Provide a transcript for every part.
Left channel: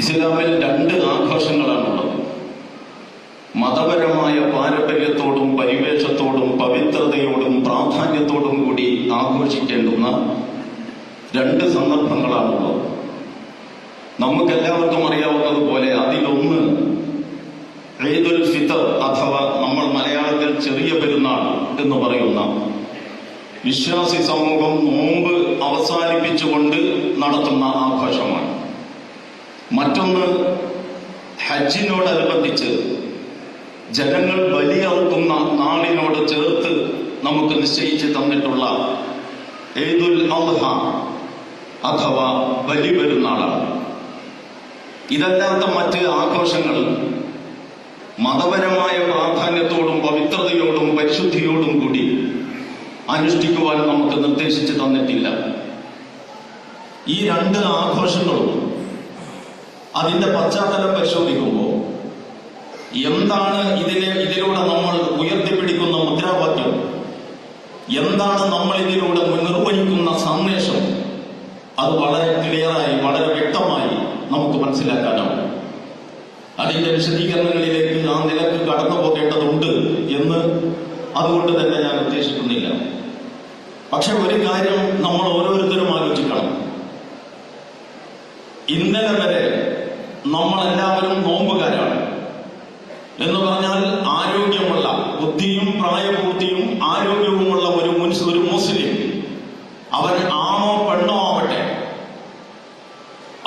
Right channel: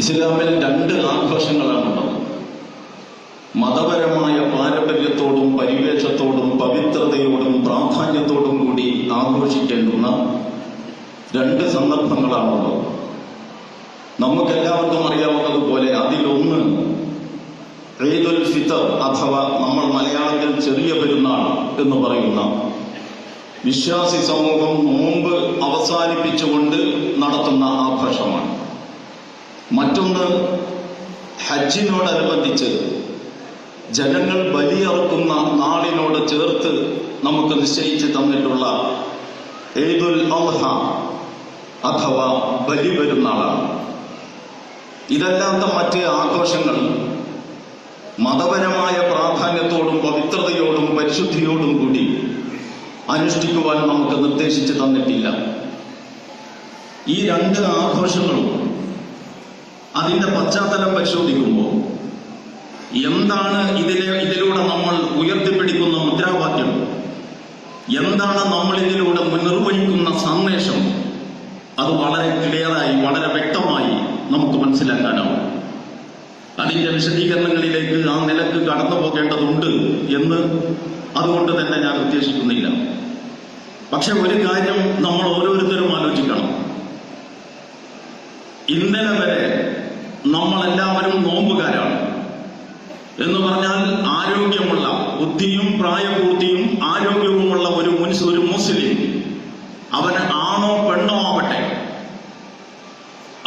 ഇസ്ലാമിൽ രണ്ട് ആഘോഷങ്ങളാണുള്ളത്. മതപരമായ പാരമ്പര്യത്തോടും പരിവേഷത്തോടും പവിത്രതയോടും പ്രാധാന്യത്തോടും കൂടി ആഘോഷിക്കേണ്ടുന്ന രണ്ട് സന്ദർഭങ്ങളാണുള്ളത്. നമുക്കെല്ലാവർക്കും അറിയാവുന്നതുപോലെ അതിലൊന്ന് ഈദുൽ ഫിത്തർ അഥവാ നമ്മൾ മലയാളത്തിൽ ചെറിയ പെരുന്നാൾ എന്ന് പറയുന്ന വിശ്വാസി സമൂഹം നോമ്പ് അവസാനിപ്പിച്ചുകൊണ്ട് നടത്തുന്ന ആഘോഷമാണ്. മറ്റൊന്ന് ഹജ്ജിനോടനുബന്ധിച്ച് ജനങ്ങൾ ബലിയർക്കുന്ന നാളിനോട് ചേർത്ത് നമുക്ക് നിശ്ചയിച്ച് തന്നിട്ടുള്ള ഈദുൽ അദ്ഹ അഥവാ ബലി പെരുന്നാളാണ്. ഇതല്ലാത്ത മറ്റ് ആഘോഷങ്ങൾ മതപരമായ പ്രാധാന്യത്തോടും പവിത്രതയോടും പരിശുദ്ധിയോടും കൂടി അനുഷ്ഠിക്കുവാൻ നമുക്ക് നിർദ്ദേശിച്ചു തന്നിട്ടില്ല. ഈ രണ്ട് ആഘോഷങ്ങളും അതിന്റെ പശ്ചാത്തലം പരിശോധിക്കുമ്പോൾ എന്താണ് ഇതിലൂടെ നമ്മൾ ഉയർത്തിപ്പിടിക്കുന്ന മുദ്രാവാക്യം, എന്താണ് നമ്മൾ ഇതിലൂടെ നിർവഹിക്കുന്ന സന്ദേശം, അത് വളരെ ക്ലിയറായി വളരെ വ്യക്തമായി നമുക്ക് മനസ്സിലാക്കാനാവും. അതിന്റെ വിശദീകരണങ്ങളിലേക്ക് ആ നിലക്ക് കടന്നു പോകേണ്ടതുണ്ട് എന്ന് അതുകൊണ്ട് തന്നെ ഞാൻ ഉദ്ദേശിക്കുന്നില്ല. പക്ഷെ ഒരു കാര്യം നമ്മൾ ഓരോരുത്തരും ആലോചിക്കണം. ഇന്നലെ വരെ നമ്മളെല്ലാവരും നോമ്പുകാരാണ്. എന്ന് പറഞ്ഞാൽ ആരോഗ്യമുള്ള, ബുദ്ധിയും പ്രായപൂർത്തിയും ആരോഗ്യവുമുള്ള ഒരു മുസ്ലിം, അവൻ ആണോ പെണ്ണോ ആവട്ടെ,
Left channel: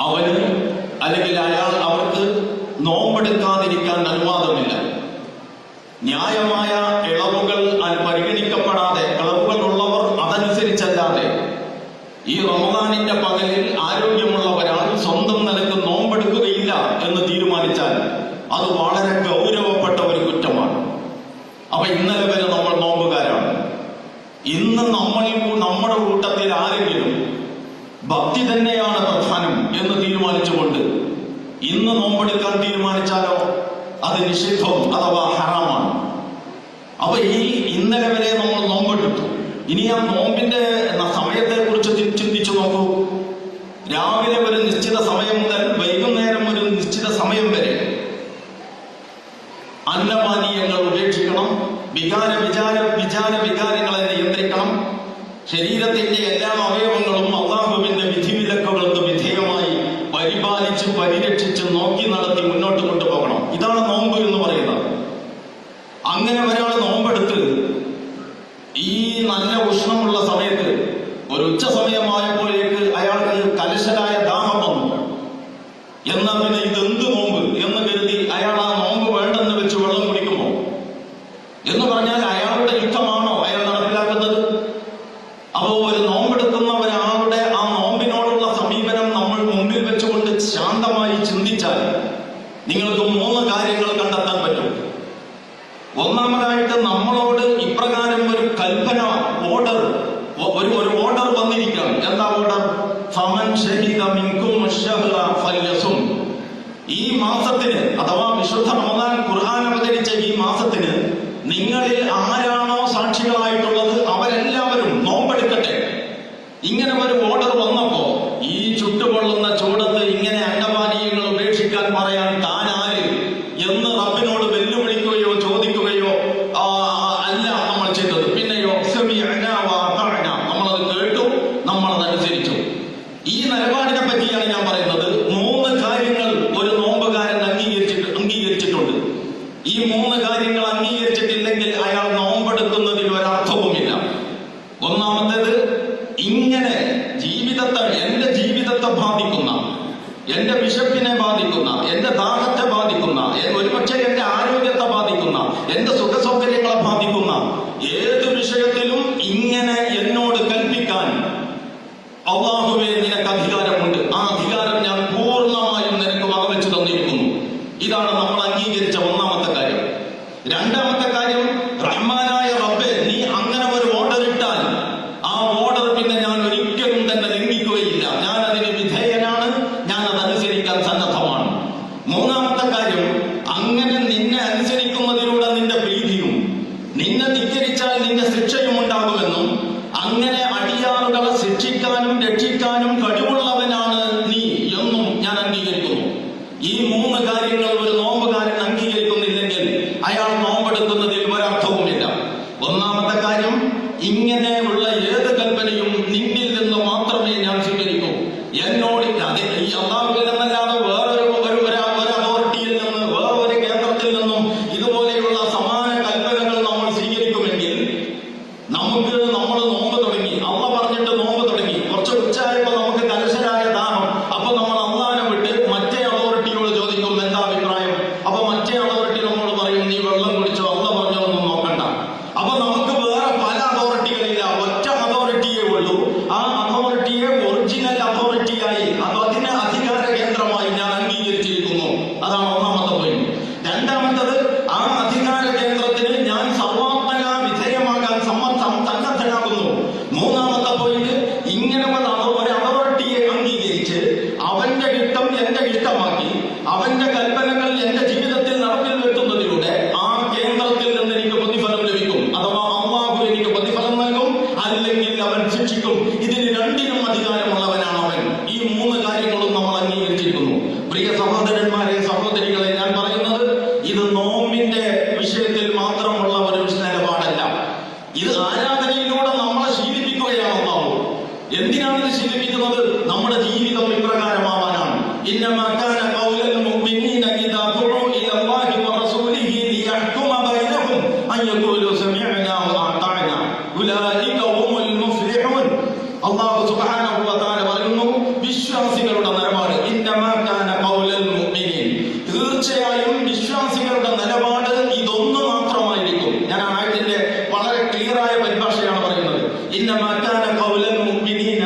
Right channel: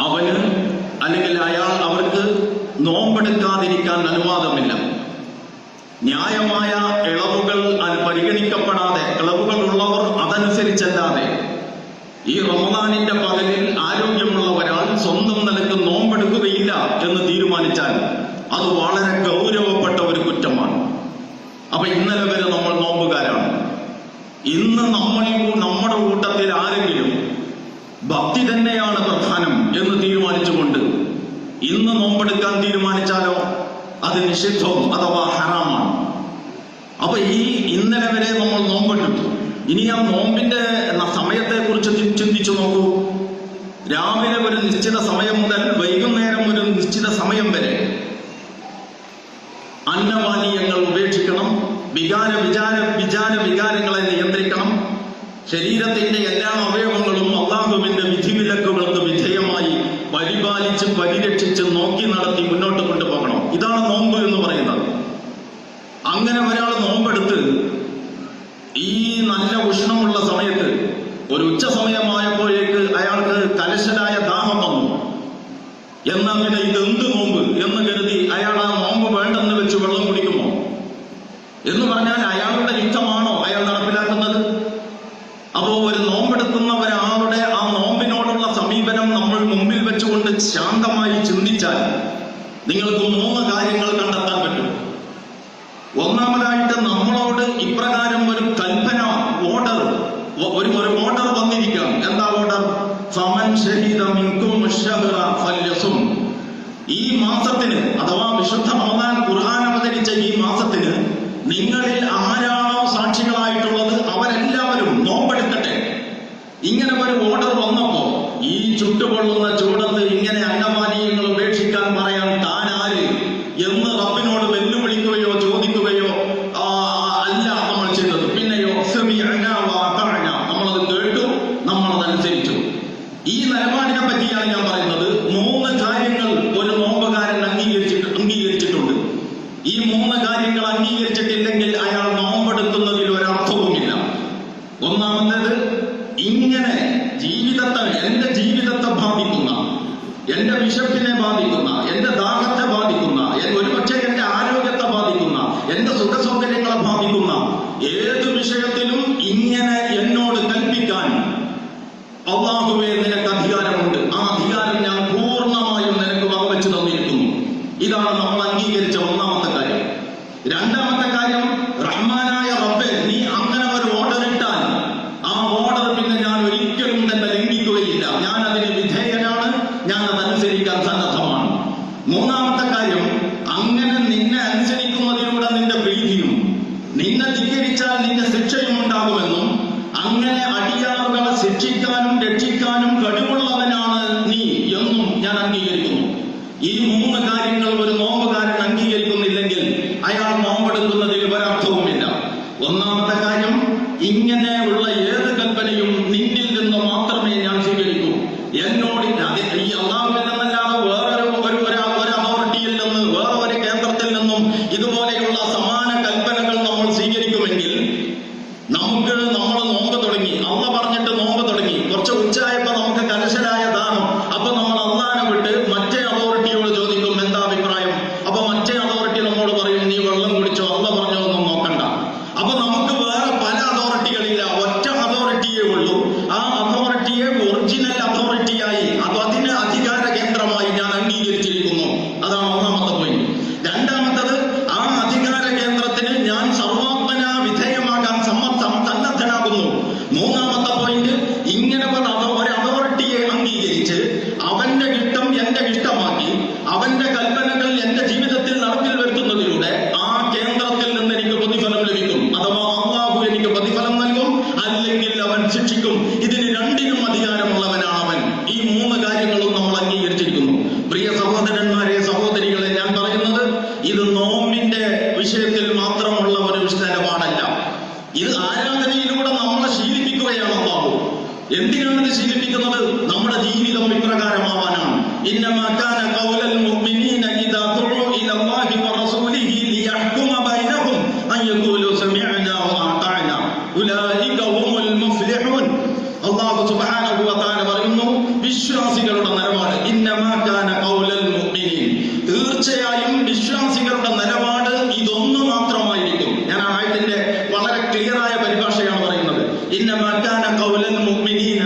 അവന് അല്ലെങ്കിൽ അവർക്ക് നോമ്പെടുക്കാതിരിക്കാൻ അനുവാദമില്ല. ന്യായമായ ഇളവുകൾ പരിഗണിക്കപ്പെടാതെ, ഇളവുകൾ ഉള്ളവർ അതനുസരിച്ചല്ലാതെ ഈ റമദാനിന്റെ പകലിൽ ആരോഗ്യമുള്ള ഒരാൾ സ്വന്തം നിലയ്ക്ക് നോമ്പെടുക്കുകയില്ല എന്ന് തീരുമാനിച്ചാൽ അത് വളരെ ഗൗരവപ്പെട്ട ഒരു കുറ്റമാണ്. അപ്പൊ ഇന്നലെ വരെ നമ്മൾ നോമ്പുകാരാണ്. ഇന്ന് നമ്മുടെ കൂട്ടത്തിൽ ആരെങ്കിലും ഭക്തി തന്നെയാണ് പ്രധാനം എന്ന് തീരുമാനിച്ചുകൊണ്ട് ഇന്ന് നോമ്പെടുക്കാൻ തീരുമാനിച്ചാലോ അത് നിഷിദ്ധം അഥവാ ഹറാമാണ്. അപ്പൊ ഇന്നലെ വരെ നമ്മൾ നോമ്പെടുത്തു. ഇനി ആ നോമ്പിന്റെ സമയത്തെ കുറിച്ച് ചിന്തിച്ചു നോക്കൂ. രാവിലെ ഒരു നിശ്ചിത സമയം മുതൽ വൈകുന്നേരം ഒരു നിശ്ചിത സമയം വരെ അന്നപാനീയങ്ങൾ ഉപേക്ഷിക്കണം, വികാരങ്ങളെ നിയന്ത്രിക്കണം. ശരീരത്തിന്റെ എല്ലാ അവയവങ്ങളും അല്ലാഹുവിന്റെ വിധിവിലക്കുകൾക്ക് വിധേയമായി പരിപാലിച്ച് പരിരക്ഷിച്ച് നോക്കി നടത്തി മുന്നോട്ട് കൊണ്ടുപോകണം. ഇതാണ് നോമ്പ് എന്ന് പറയുന്നത്. അങ്ങനെ ഒരാൾ നോമ്പെടുത്ത് ഈ നല്ല ഉഷ്ണമുള്ള സമയത്ത് ഒരു ഉച്ച സമയമായപ്പോഴേക്ക് അയാൾക്ക് കലശലായ ദാഹം വന്നു. എന്നാൽ പിന്നെ ഇതെന്ത് നോമ്പ് എന്ന് കരുതി അയാൾ ആ നോമ്പ് വേണ്ടെന്ന് വെച്ച് വെള്ളം കുടിക്കുമോ? എന്ന് പറഞ്ഞാൽ അയാളുടെ യുദ്ധമാണോ അയാൾ നടപ്പിലാക്കുന്നത്? അപ്പോ ഒരു നോമ്പെടുക്കുന്ന ഒരാളുടെ ആ നോമ്പിനോടുള്ള സമീപനം നമ്മൾ മുമ്പിൽ വെച്ചുകൊണ്ട് ശാന്തമായി ചിന്തിച്ചാൽ നിങ്ങൾക്ക് 3 കാര്യങ്ങൾ കണ്ടെത്താൻ പറ്റും. ഒന്നാമതായിട്ട് നമ്മളോട് ഇപ്രകാരം ഒരു കൽപ്പന, ഒരു ഓർഡർ വന്നിരിക്കുകയാണ്. എന്താ ഓർഡർ? ഫമൻ ശഹീദ മിൻകും അശ്ശഹ്റ ഫല്യസും. ഈ മാസത്തിന് അഥവാ വിശുദ്ധ റമദാൻ ഖുർആൻ അവതരിച്ച ഈ മാസത്തിന് നിങ്ങളിൽ ആരാണോ സാക്ഷികളായിട്ടുള്ളത് അവരെല്ലാവരും നോമ്പെടുക്കട്ടെ. ഇങ്ങനെ ഒരു ഓർഡർ വന്നപ്പോ ഈ ചുട്ടുകൊള്ളുന്ന ചൂടത്ത് ഇങ്ങനെ അന്നപാനീയങ്ങൾ ഉപേക്ഷിക്കാൻ പറയാൻ താൻ ആര് എന്ന് റബ്ബിനോട് വെല്ലുവിളിക്കുകയോ ചോദിക്കുകയോ അല്ല നമ്മൾ ചെയ്തത്. പിന്നെയോ നമ്മളത് കേട്ടു, നമ്മളതനുസരിച്ചു. ഈ നിലപാടിനെ പറ്റിയാണ് ഞാൻ പറയുന്നത്. 3 കാര്യങ്ങൾ ഒരു നോമ്പുകാരൻ അംഗീകരിച്ചിട്ടുണ്ട്. ഈ 3 കാര്യങ്ങൾ അംഗീകരിച്ചിട്ടില്ലെങ്കിൽ അയാൾ നോമ്പെടുക്കുന്നതിൽ ഒരർത്ഥവുമില്ല. ഒന്നാമത്തേത്, ഇങ്ങനെ എന്റെ ജീവിതത്തെ ബാധിക്കുന്ന, എന്റെ വിശപ്പിനെ ബാധിക്കുന്ന, എന്റെ ദാഹത്തെ ബാധിക്കുന്ന, ഒരുപക്ഷെ എന്റെ ആരോഗ്യത്തെ ബാധിക്കുന്ന, എന്റെ സുഖസൗകര്യങ്ങളെ ബാധിക്കുന്ന ഏത് വിഷയത്തിലും ഇങ്ങനെ എന്നോട് കൽപ്പിക്കാൻ അല്ലാഹുവേ നിനക്ക് അധികാരമുണ്ട്. ആ അധികാരം ഞാൻ പൂർണ്ണമായും നിനക്ക് വകവെച്ചു തന്നിരിക്കുന്നു. ഇതാണ് നമ്മൾ അംഗീകരിച്ച ഒന്നാമത്തെ കാര്യം. രണ്ടാമത്തെ കാര്യം, റഹ്മാനായ റബ്ബേ നീ അങ്ങനെ ഒരു ഓർഡർ ഇട്ടാൽ ആ ഓർഡർ പിന്നെ ഞാൻ ഒരിക്കലും തന്നെ ലംഘിക്കുകയില്ല. ഞാൻ അതിന് വിധേയനാണ്, ഞാൻ അതനുസരിക്കാൻ സന്നദ്ധമാണ്. മൂന്നാമത്തെ കാര്യം, അങ്ങനെ നിന്നെ അനുസരിക്കുന്നതിലൂടെ നിന്റെ പ്രീതിയും, നിന്നെ ധിക്കരിച്ചാൽ നിന്റെ ശിക്ഷയും ഉണ്ടാകുമെന്നും, അങ്ങനെ അടിയാറുകളെ ശിക്ഷിക്കാനും രക്ഷിക്കാനും കഴിവുള്ളവനാണ് നീ എന്നും ഞാൻ അംഗീകരിക്കുന്നു. ഈ മൂന്ന് കാര്യങ്ങൾ ഒരു നോമ്പുകാരൻ അംഗീകരിക്കുന്നില്ലെങ്കിൽ അയാൾ നോമ്പെടുക്കുന്നതിൽ ഒരർത്ഥവുമില്ല. ഒന്നാമത്തെ കാര്യം, ഇങ്ങനെയുള്ള ഏത് കൽപ്പനയും നിന്നിൽ നിന്ന് മാത്രമേ ഞാൻ സ്വീകരിക്കൂ. എന്നോട് ഈ അള്ളാഹുവിൽ നിന്നല്ലാതെ വേറൊരു അതോറിറ്റിയിൽ നിന്ന്, വേറൊരു കേന്ദ്രത്തിൽ നിന്നും ഇതുപോലെയുള്ള സമാന കൽപ്പനകൾ നമ്മൾ സ്വീകരിക്കുമെങ്കിൽ നമ്മൾ നോമ്പ് തുടങ്ങി, അള്ള പറഞ്ഞിട്ട് നോമ്പ് തുടങ്ങി, കുറച്ച് ഉച്ചയായപ്പോ നമുക്ക് കലശലായ ദാഹം, അപ്പൊ നമ്മൾ അള്ളാനെ വിട്ട് മറ്റേ അതോറിറ്റിയോട് ചോദിക്കും എന്താ അഭിപ്രായം. അപ്പൊ മറ്റേ അതോറിറ്റി നമ്മോട് പറയും നീ വെള്ളം കുടിച്ചോ, അള്ള പറഞ്ഞോ ഒന്നും നോക്കണ്ട. അപ്പൊ നമുക്ക് വേറെ പല അതോറിറ്റികളില്ല, ഒറ്റ അതോറിറ്റിയേ ഉള്ളൂ. ആ അതോറിറ്റിയെ ഒറിജിനൽ അതോറിറ്റിയായി, അതിന് അധികാര കേന്ദ്രമായി ഞാൻ അംഗീകരിച്ചിരിക്കുന്നു. അതാണ് ഒന്നാമത്തെ പോയിന്റ്. രണ്ടാമത്തത്, ആ അധികാര കേന്ദ്രത്തിന് ഞാൻ സർവാത്മന വിധേയമാകാൻ സന്നദ്ധനാകുന്നു. മൂന്നാമത്തെ പോയിന്റ്, ഇങ്ങനെ ഒരു അതോറിറ്റിയെ അംഗീകരിച്ച് അവന്റെ ഇഷ്ടം എന്റെ ഇഷ്ടമാക്കി അവന്റെ കൽപ്പനകൾ എന്റെ ജീവിതത്തിൽ നടപ്പിൽ വരുത്തുന്നതിലൂടെ ആ കേന്ദ്രത്തിൽ നിന്ന് എനിക്ക് പ്രതിഫലം ലഭിക്കും. അഥവാ അള്ളാഹു എനിക്ക് പ്രതിഫലം നൽകും, അല്ലെങ്കിൽ അവൻ ശിക്ഷിക്കും. ഇതിന് രണ്ടിനും അധികാരമുള്ളവനാണ് അവൻ. ഈ മൂന്ന് കാര്യങ്ങളും നമ്മൾ അംഗീകരിച്ചിരിക്കുന്നു. പ്രിയ സഹോദരന്മാരെ, സഹോദരികളെ, ഞാൻ പറയുന്നത് ഇത് നോമ്പിന്റെ വിഷയത്തിൽ മാത്രമുള്ള ഒരു നിലപാടല്ല. ഇത് ആരാധനയിലൂടെ നമ്മളെ ശീലിപ്പിക്കുകയാണ് അല്ലാഹു. എന്തിനാണ് ഇത് ശീലിപ്പിക്കുന്നത്? നമ്മുടെ ജീവിതം ഇപ്രകാരമാവാനാണ്. ഇന്നമാ കാന ഖൗലൽ മുഅ്മിനീന ഇദാ ദുഉ ഇലല്ലാഹി വറസൂലിഹി ലിയഹ്കുമ ബൈനഹും അൻ യഖൂലു സമിഅനാ വഅതഅനാ ഉലൈക ഹുമുൽ മുഫ്ലിഹൂൻ. അല്ലാഹു സുബ്ഹാനഹു വ തആല പറയുന്നു, വിശ്വാസികളുടെ നിലപാട് ഇന്നമാ കാന ഖൗലൽ മുഅ്മിനീൻ, തീർച്ചയായും വിശ്വാസികളുടെ നിലപാട് ഇതൊന്നു മാത്രമായിരിക്കും. ഞാൻ ആയതിന്റെ വളരെ ക്ലിയറായ പരിഭാഷയാണ് പറയുന്നത്. ഇന്നമാ കാന ഖൗലൽ മുഅ്മിനീന,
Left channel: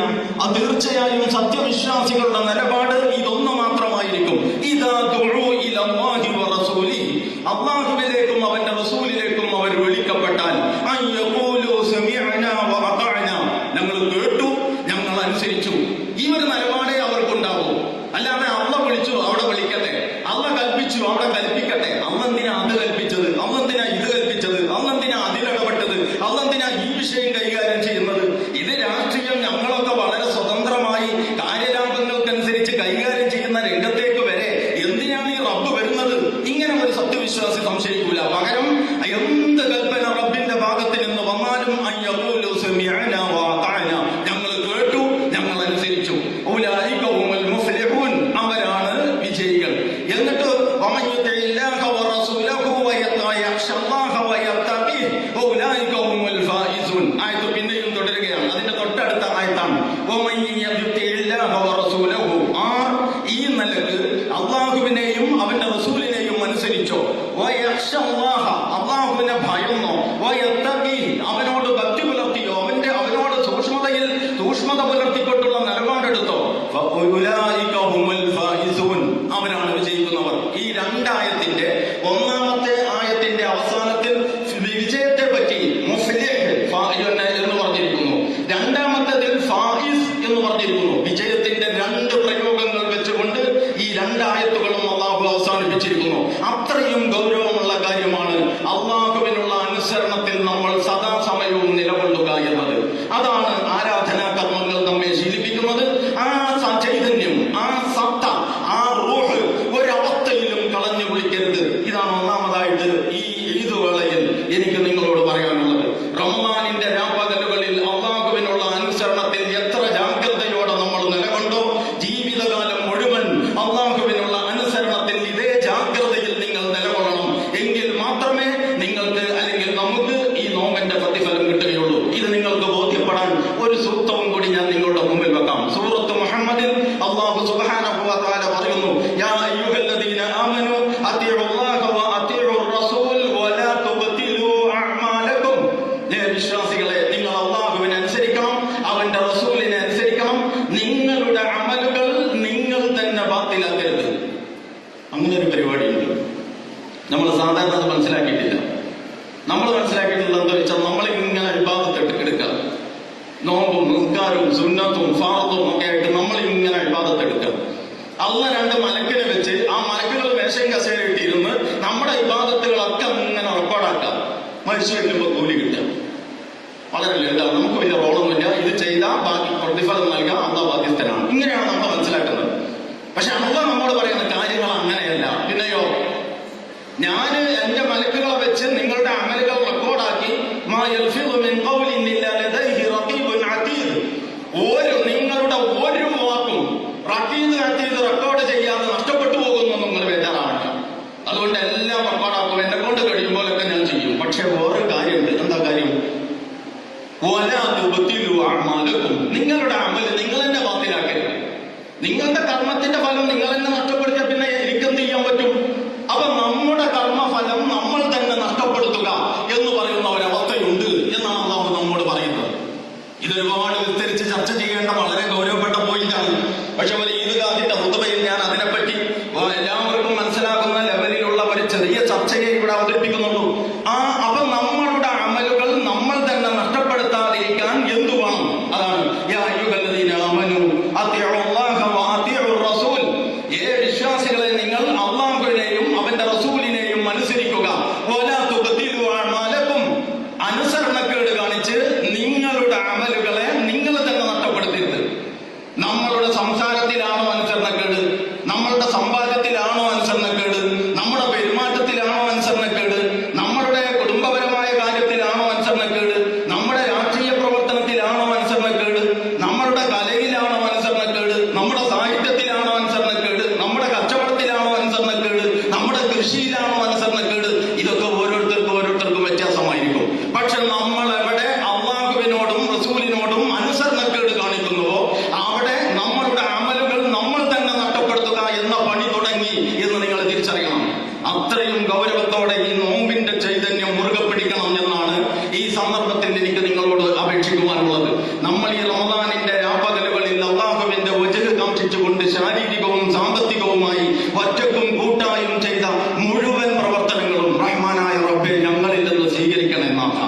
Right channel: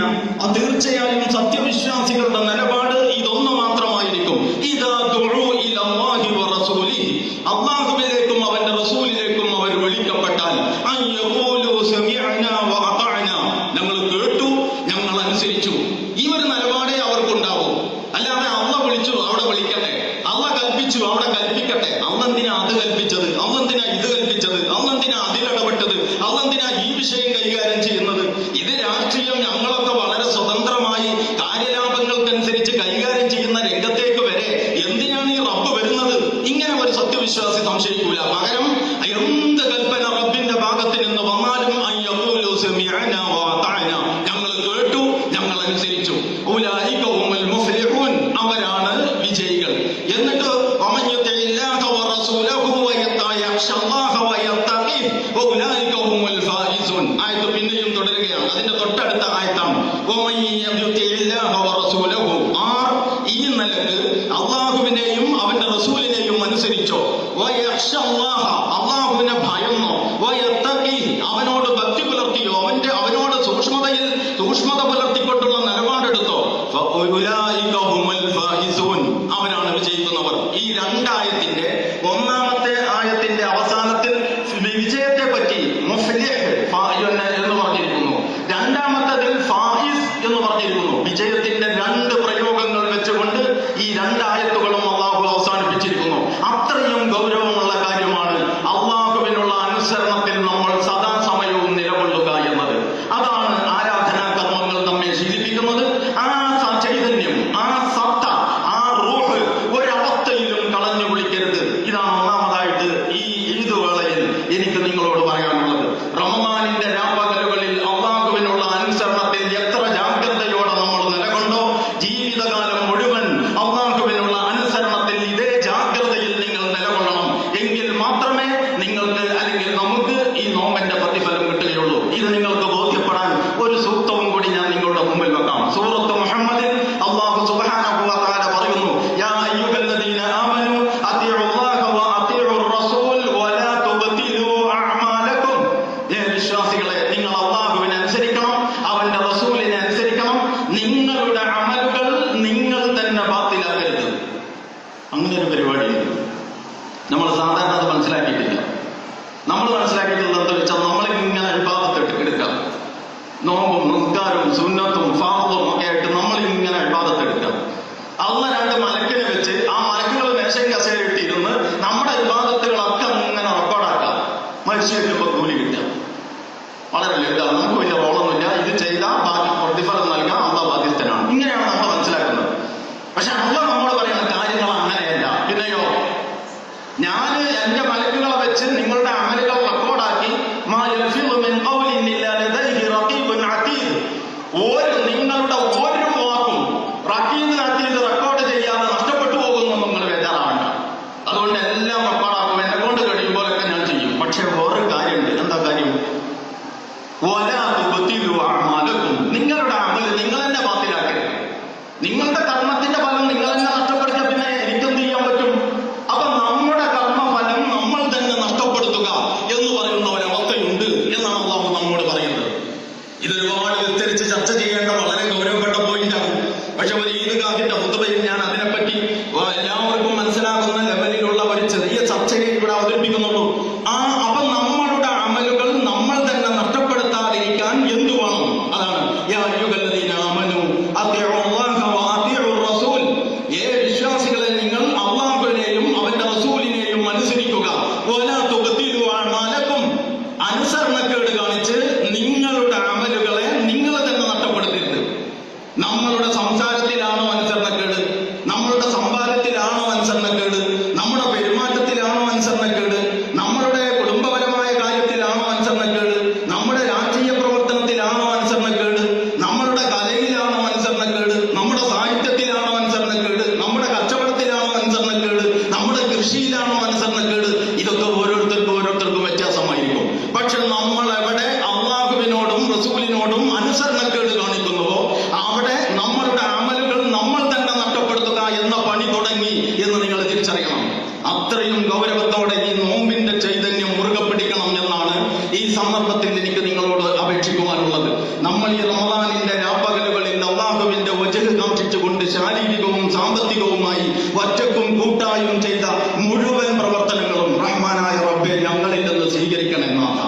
തീർച്ചയായും സത്യവിശ്വാസികളുടെ നിലപാട് ഇതൊന്നു മാത്രമായിരിക്കും. ഇദാ ദുഉ ഇലല്ലാഹി വറസൂലിഹി, അല്ലാഹുവിലേക്കും അവന്റെ റസൂലിലേക്കും അവർ വിളിക്കപ്പെട്ടാൽ അൻ യഖൂലു സമിഅനാ വഅതഅനാ, ഞങ്ങൾ കേട്ടു, ഞങ്ങൾ അനുസരിച്ചു. ഈ ഒരു നിലപാടേ അവർക്കുണ്ടാവും. അല്ലാതെ അള്ള വിളിച്ചു അവിടെ വിളിക്കട്ടെ, അള്ള കൽപ്പിച്ചു അവിടെ കൽപ്പിക്കട്ടെ, അള്ളെന്തിനാ അത് കൽപ്പിച്ചത്, അള്ളെന്തിനാ ഇത് കൽപ്പിച്ചത്, അള്ളെന്തിനാ അതിലിടപെട്ടത്, അള്ളെന്തിനാ ഈ വിഷയം കൈകാര്യം ചെയ്യുന്നത്. ഇത് രാഷ്ട്രീയം ഞങ്ങളൊക്കെ വളരെ സ്വതന്ത്രമായി കാര്യലാഭങ്ങൾക്കനുസരിച്ച് കൈകാര്യം ചെയ്യുന്ന രംഗത്തേക്ക് വരെ എന്തിനാണ് ഈ റബ്ബ് വരുന്നത്? ഇങ്ങനെ ഒരു സത്യവിശ്വാസി സംശയിക്കൂല. പകരം എന്ത് കൽപ്പന റബ്ബിന്റെ ഭാഗത്ത് നിന്ന് വന്നാലും അൻ യഖൂലു സമിഅനാ വഅതഅനാ, ഞങ്ങൾ കേട്ടു, ഞങ്ങൾ അനുസരിച്ചു. ഉലൈക ഹുമുൽ മുഫ്ലിഹൂൻ, അവരാണ് വിജയികൾ. എന്നിട്ട് വമൻ യുതിഇല്ലാഹ വറസൂലഹു വയഖ്ശല്ലാഹ വയത്തഖീഹ് ഉലൈക ഹുമുൽ ഫായിസൂൻ. ആയത്ത് പിന്നെയും തുടരുകയാണ്. അതിന്റെ തൊട്ടടുത്ത ആയത്താണ് വമൻ യുതിഇല്ലാഹ വറസൂലഹു. ഈ നിലക്ക് അള്ളാഹുവിനെയും അവന്റെ റസൂലിനെയും അനുസരിച്ചോ, വയഖ്ശല്ലാഹ, അള്ളാഹുവിനെ ഭയന്നോ, വയത്തഖീഹ്, അവനോട് ഭക്തി പുലർത്തിയോ, അവനോട് സൂക്ഷ്മത പുലർത്തിക്കൊണ്ടുള്ള നിലപാടെടുത്തോ, ഫഉലൈക ഹുമുൽ ഫായിസൂൻ, അവരാണ് വിജയിക്കുന്നവർ. ഈ രണ്ടായത്തിന്റെ ഒന്നാമത്തെ ആയത്തിന്റെ അവസാനത്തിൽ വിജയത്തെ പറ്റി മുഫ്ലിഹ് എന്ന് പറഞ്ഞിരിക്കുന്നു. രണ്ടാമത്തേതിൽ ഫായിസ് എന്ന് പറഞ്ഞിരിക്കുന്നു. വിജയത്തിന്റെ രണ്ട് പ്രയോഗങ്ങൾ വെച്ചുകൊണ്ട് ഈ രണ്ടായത്തുകളും അള്ളാഹു അവസാനിപ്പിച്ചിരിക്കുന്നു. അത്രയും ഗൗരവമുള്ള കാര്യമാണ് അള്ളാഹുവിനുള്ള അനുസരണത്തിൽ നമ്മൾ സദാസമയവും നിലകൊള്ളുക എന്നത്. അതാണ് ആരാധനാ കർമ്മങ്ങൾ നമ്മെ ശീലിപ്പിക്കുന്നത്. ആ ചൈതന്യം, ആ സത്ത, ആ റൂഹ് ഒരവസ്ഥയിലും കളഞ്ഞു കുളിക്കരുത്. ഇതാണ് ഒന്നാമതായിട്ട് ഈ ഈദ് വേളയിൽ എനിക്ക് നിങ്ങളോട് പറയാനുള്ളത്. റമദാനിന്റെ രാപ്പകലുകളിൽ അള്ളാഹുവിനുള്ള അനുസരണത്തിൽ എത്ര ജാഗ്രതയോടെ നമ്മൾ നിലകൊണ്ടോ, ജീവിതകാലം മുഴുവൻ അള്ളാഹുവിനുള്ള അനുസരണത്തിൽ ഇതേ ജാഗ്രതയിൽ നിങ്ങൾ നിലകൊള്ളണം. എങ്കിൽ മാത്രമേ നിങ്ങൾക്ക്, അല്ലെങ്കിൽ നമുക്ക് ഈ നോമ്പിന്റെ പ്രതിഫലം കിട്ടുകയുള്ളൂ. ഇത് നിങ്ങൾക്ക് ബോധ്യപ്പെടാൻ ഒരു സൂക്തവും കൂടി ഞാൻ നിങ്ങളുടെ മുമ്പിൽ വെക്കാം. സൂറത്ത് മുഹമ്മദിൽ അല്ലാഹു സുബ്ഹാനഹു വ തആല പറയുന്നു, യാ അയ്യുഹല്ലദീന ആമനൂ അത്തിഉല്ലാഹ വ അത്തിഉർ റസൂൽ വലാ തുബ്തിലൂ അഅമാലക്കും. വിശ്വാസികളെ, നിങ്ങൾ അല്ലാഹുവിനെ അനുസരിക്കണം, അവന്റെ റസൂലിനെ അനുസരിക്കണം. നിങ്ങളുടെ അമലുകൾ നിങ്ങൾ തന്നെ ബാത്തിലാക്കരുത്. അങ്ങനെ ഒരു പരിപാടിയുണ്ട്. നമ്മൾ സാധാരണ അത് മനസ്സിലാക്കിയിട്ടില്ല. നമ്മൾ മനസ്സിലാക്കിയിട്ടുള്ളത് എന്താ വെച്ചാൽ, നമ്മളിങ്ങനെ ഇബാദത്ത് എടുക്കാം. നോമ്പും നിസ്കാരവും സുന്നത്തും ഫാർദും ഒക്കെ ആയിട്ട് നമ്മളിങ്ങനെ ഇബാദത്ത് എടുക്കാം. അള്ള രണ്ട് മലക്കിനെ വെച്ച് ആ മലക്കുകൾ മേശയും കസേര ഇട്ടിരുന്ന് നമ്മുടെ ഇബാദത്തുകളൊക്കെ അങ്ങനെ റെക്കോർഡാക്കാം. മരിച്ചു കഴിയുമ്പോൾ കൂലി കിട്ടാം. വളരെ ലളിതമാണ്. നമുക്ക് വലിയ റോളൊന്നുമില്ല. ഇത് ചെയ്താൽ ബാക്കി പ്രതിഫലം നൽകാൻ അള്ള ബാധ്യസ്ഥനാണ്. ഇങ്ങനെയാണ് നമ്മൾ മനസ്സിലാക്കുന്നത്. പക്ഷെ അള്ള നമ്മൾ പറയുന്ന കാര്യങ്ങൾ അങ്ങനെ എന്ന പണി തുടങ്ങി എന്ന് നിങ്ങൾ തിരിച്ചറിയണം. അത്രയും ഗൗരവത്തോടെ ഈ നോമ്പിന്റെ ചൈതന്യം മുറുകെ പിടിക്കണം എന്നാണ് ഈ സന്ദർഭത്തിൽ എനിക്ക് നിങ്ങളോട് അപേക്ഷിക്കുവാനുള്ളത്. നമ്മൾ ഈ റമദാനിന്റെ രാപ്പകലുകളിൽ അല്ലാഹുവിന്റെ വജ്ഹ് കാക്ഷിച്ചുകൊണ്ട് ശാരീരികവും സാമ്പത്തികവുമായി ഒറ്റക്കും കൂട്ടായും ചെയ്ത മുഴുവൻ പ്രവർത്തനങ്ങളും റഹ്മാനായ റബ്ബേ ഞങ്ങളിൽ നിന്ന് സ്വീകരിക്കണമെന്നാണ്.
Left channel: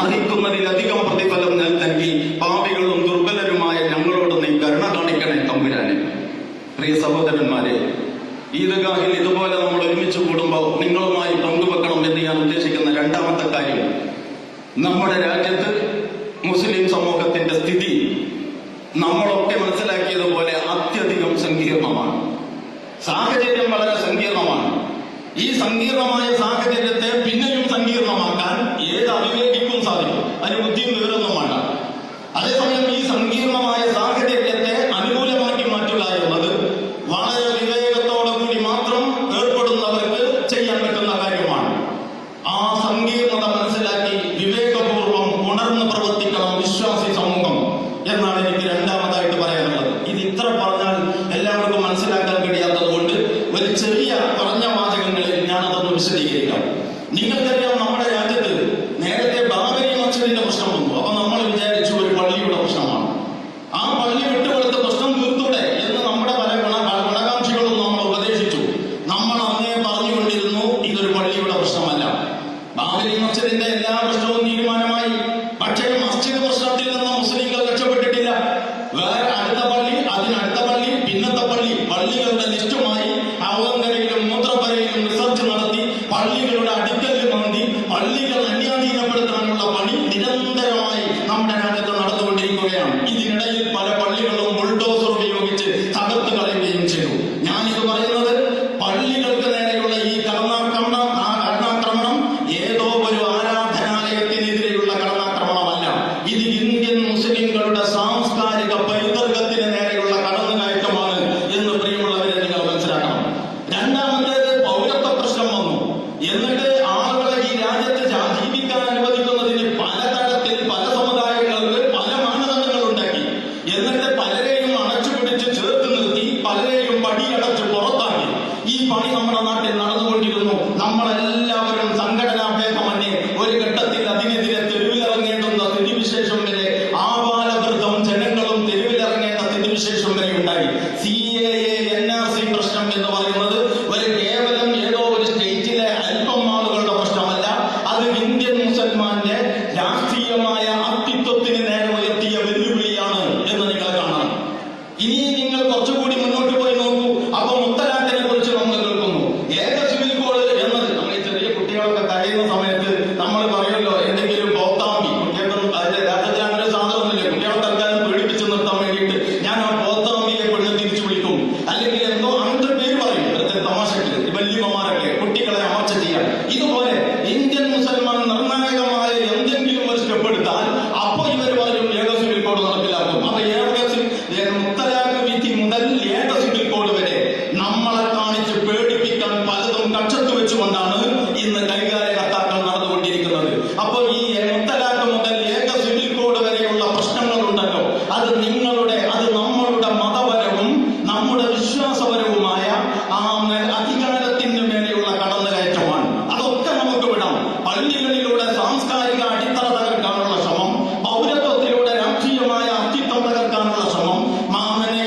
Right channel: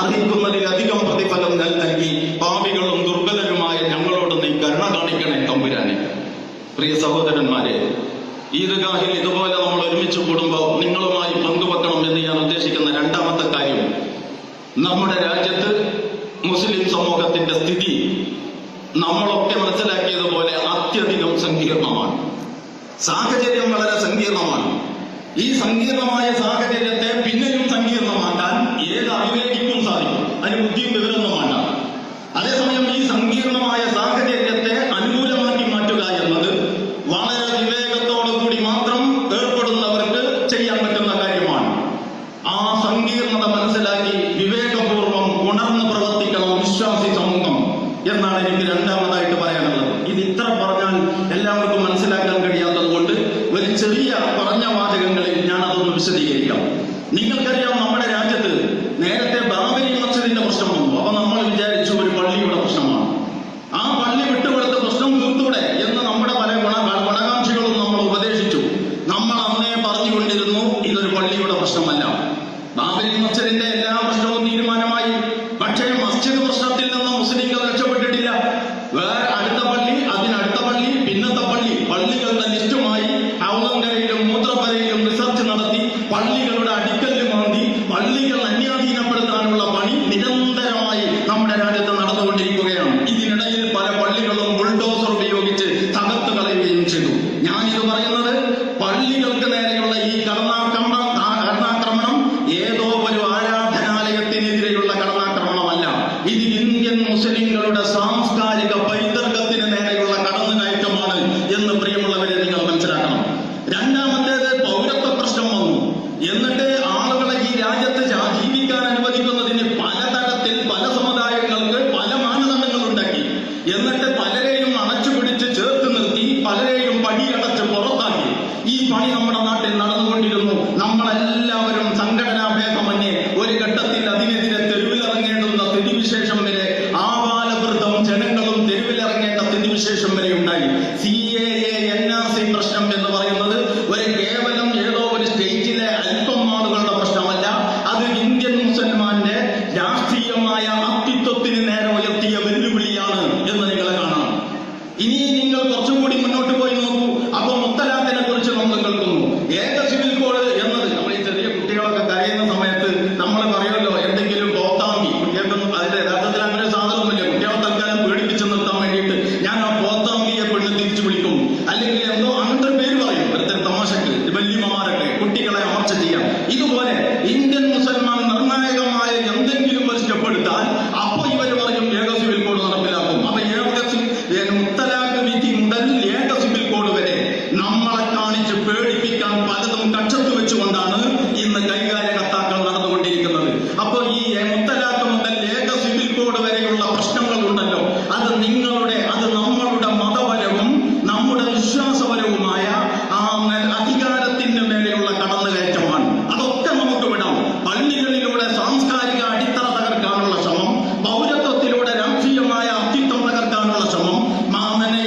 അർഹിക്കുന്നതിലധികം പ്രതിഫലം നൽകി പാപികളും ദുർബലരുമായ ഞങ്ങളോട് നീ കരുണ കാണിക്കണേ തമ്പുരാനെ. പ്രിയ സഹോദരന്മാരെ, ഈദ്ഗാഹിൽ ഇതുപോലെ നമ്മൾ ഒരുമിച്ച് കൂടുമ്പോൾ നിങ്ങളുമായി പങ്കുവെക്കണം എന്ന് ഞാൻ ഉദ്ദേശിക്കുന്ന രണ്ടാമത്തെ കാര്യം, നമ്മുടെ രാജ്യത്ത് മുസ്ലിം സമൂഹത്തിന്റെ സ്ഥിതി നമ്മളൊക്കെ മനസ്സിലാക്കിയതുപോലെ അത്യധികം സങ്കീർണമാണ്. സാഹചര്യം വളരെ സങ്കീർണമാണ്. ഈ സങ്കീർണമായ സാഹചര്യത്തെ പിന്നെയും സങ്കീർണമാക്കാൻ ഏത് അവിവേകിക്കും സാധിക്കും. അതിന് ബുദ്ധിയും വിവരമൊന്നും വേണ്ട. അതേസമയം ഈ സങ്കീർണമായ സാഹചര്യത്തെ അനുകൂലമാക്കി മാറ്റുക എന്നത് വളരെ വിവേകത്തോടു കൂടി മാത്രം ഏർപ്പെടുന്നവർക്ക് ചെയ്യാൻ പറ്റുന്ന കാര്യമാണ്. ആ സങ്കീർണത മനസ്സിലാക്കി വിവേകപൂർവ്വം ഉണർന്നു പ്രവർത്തിക്കണം വിശ്വാസി സമൂഹം എന്നാണ് എനിക്ക് രണ്ടാമതായിട്ട് പറയാനുള്ളത്. ഇത് ഇത്ര പറഞ്ഞാൽ എല്ലാവർക്കും മനസ്സിലാക്കാൻ കഴിയാത്തത് കൊണ്ട് ഒരു ചെറിയ പറഞ്ഞ വാചകങ്ങളിൽ ഞാൻ അതൊന്ന് വിശദീകരിക്കാം. നിങ്ങൾക്കറിയാം, നമ്മുടെ രാജ്യത്ത് നേരത്തെ ബാബരി മസ്ജിദിന്റെ പ്രശ്നം വന്നു. അപ്പൊ നമ്മൾ വിചാരിച്ചു ഒരു പള്ളിയുടെ പ്രശ്നമാണ്. ആ പള്ളി വിട്ടുകൊടുത്ത പ്രശ്നം തീർത്തൂടെ എന്ന് നമ്മുടെ പല ഗുണകാംക്ഷികളും നമ്മൾ ഉപദേശിച്ചു. നമ്മൾ അന്നേ പറഞ്ഞുകൊണ്ടിരുന്നു ഇതൊരു പള്ളിയുടെ പ്രശ്നമല്ല. ബാബരി മസ്ജിദിന്റെ എല്ലാ പ്രശ്നവും തീരുമാനമായി. പക്ഷേ മസ്ജിദ് പ്രശ്നത്തിൽ നിന്ന് മുസ്ലിങ്ങൾ രക്ഷപ്പെട്ടിട്ടില്ല. വേറെ അടുത്ത പള്ളി, അതിനടുത്ത പള്ളി, പിന്നത്തെ പള്ളി, പള്ളികളുടെ ലിസ്റ്റുമായി അവലംബരയിലും മൂത്രപ്പരയിലും റിസർച്ച് നടത്തി പള്ളികളുടെ അടിക്കല്ല് മാന്തി പള്ളികൾ അന്യാധീനപ്പെടുത്താനുള്ള പണി നിരന്തരമായി നമ്മുടെ രാജ്യത്ത് നടന്നുകൊണ്ടിരിക്കുകയാണ്. ഇതിനിടയിൽ പല പള്ളികളും ബുൾഡോസർ ഉപയോഗിച്ച് തകർത്ത് കളയുകയും ചെയ്തു. ഞാനിത് പറയുന്നത് പള്ളികൾക്ക് നേരെയുള്ള ഈ കടന്നാക്രമണം ഏതോ ഒരു ആരാധനാലയത്തിനെതിരെയുള്ള കടന്നാക്രമണമല്ല. ഇത് ഇന്ത്യൻ മുസ്ലിങ്ങളുടെ സാംസ്കാരിക പൈതൃകത്തിന് നേരെയുള്ള കടന്നുകയറ്റമാണ് എന്ന് പ്രിയമുള്ളവരെ നിങ്ങൾ മനസ്സിലാക്കണം. രണ്ടാമത്തേത് പൗരത്വ പ്രശ്നം വന്നു. എന്നിട്ട് ആളുകളെ ഈ രാജ്യത്ത് ജീവിക്കാൻ അനുവദിക്കുന്നതിന് പലതരത്തിൽ പല സമുദായങ്ങൾക്ക് പല മാനദണ്ഡങ്ങളുണ്ടാക്കി. എന്നിട്ട് പലരെയും അണച്ചുപിടിച്ച് ചേർത്ത് നിർത്തി പലരെയും പടിയടച്ച് പുറത്താക്കി. ഈ പണി നമ്മുടെ നാട്ടിൽ നടന്നുകൊണ്ടിരുന്നു. നമ്മളെല്ലാവരും സംഘടനാ ഭേദമന്യേ ഒരു ഘട്ടത്തിൽ അതിനെതിരെ തെരുവിലിറങ്ങേണ്ടുന്ന സ്ഥിതിവിശേഷം വരെ ആബാലവൃദ്ധം ജനങ്ങളും തെരുവിലിറങ്ങേണ്ട സ്ഥിതിവിശേഷം വരെ ഉണ്ടായി. CAA NRC പ്രശ്നം എന്ന് പറയുന്നത് ഒരു കേവലം ഏതോ ഒരു സ്റ്റേറ്റിലെ അല്പം ആളുകളുടെ പ്രശ്നമല്ല. അത് ഇന്ത്യൻ മുസൽമാന്റെ രാഷ്ട്രീയമായ അസ്തിത്വത്തിന് നേരെ ഉയർത്തിയ വെല്ലുവിളിയാണ് എന്ന് നിങ്ങൾ കാണാം. ഇനി നിങ്ങൾ കുറച്ചുകൂടി മുന്നോട്ട് പോയി നോക്കൂ. അപ്പൊ മുത്തലാഖിനെ കുറിച്ച് നമ്മൾ കേൾക്കുന്നു. ഏക സിവിൽ കോഡ് എന്നത് നമ്മൾ ഈ ചെറിയ കുട്ടികളൊക്കെ കരയുന്ന സമയത്ത് നമ്മൾ പറയുമല്ലോ എന്തെങ്കിലും പോത്താമ്പി. കുട്ടികൾക്കൊന്നും അതിന്റെ യഥാർത്ഥത്തിൽ അങ്ങനെ സാധനമൊന്നുമില്ല. കുട്ടികളെ തൽക്കാലം പേടിപ്പിച്ച് നിർത്താൻ വേണ്ടിയിട്ട് ഞാൻ ആ പോത്താമ്പിയെ പെണ്ണ് തിരിച്ചു വിളിക്കും, അല്ലെങ്കിൽ എന്തോ അങ്ങനത്തെ ഒരു പേര് പറയും. വെറുതെ തമാശക്ക് വല്യമ്മമാരൊക്കെ കുട്ടികളെ അമർച്ച ചെയ്യാം. ഇതുപോലെ ഇന്ത്യൻ മുസൽമാൻ നിർണായകമായ എന്തെങ്കിലും ഒരു സ്റ്റെപ്പ് എടുത്താൽ അപ്പൊ ഇവർ പറയും ഏക സിവിൽ കോഡ് നടപ്പിലാക്കും. അപ്പൊ മുത്തലാഖ് വിധി മുതൽ ഏക സിവിൽ കോഡ് വരെ നമ്മളെ കാണിച്ച് പേടിപ്പിക്കാൻ പലതും കക്ഷത്ത് വെച്ചുകൊണ്ടാണ് ഇന്ന് കൈകാര്യ കത്താക്കൾ നടന്നുകൊണ്ടിരിക്കുന്നത്. അപ്പൊ ഈ മുത്തലാഖ് മുതൽ ഏക സിവിൽ കോഡ് വരെയുള്ള പ്രശ്നങ്ങളുണ്ടല്ലോ, അത് നമ്മളുടെ മതപരവും നമ്മുടെ വിശ്വാസപരവുമായ ആ അധികാരത്തിന് മേലെയുള്ള കടന്നുകയറ്റമാണ്. അതൊക്കെ നമുക്ക് വിടാം. പള്ളികളിലൂടെ സാംസ്കാരിക അടിത്തറ തകർക്കാനുള്ള ശ്രമം, പൗരത്വത്തിലൂടെ രാഷ്ട്രീയമായ അസ്തിത്വം തകർക്കാനുള്ള ശ്രമം,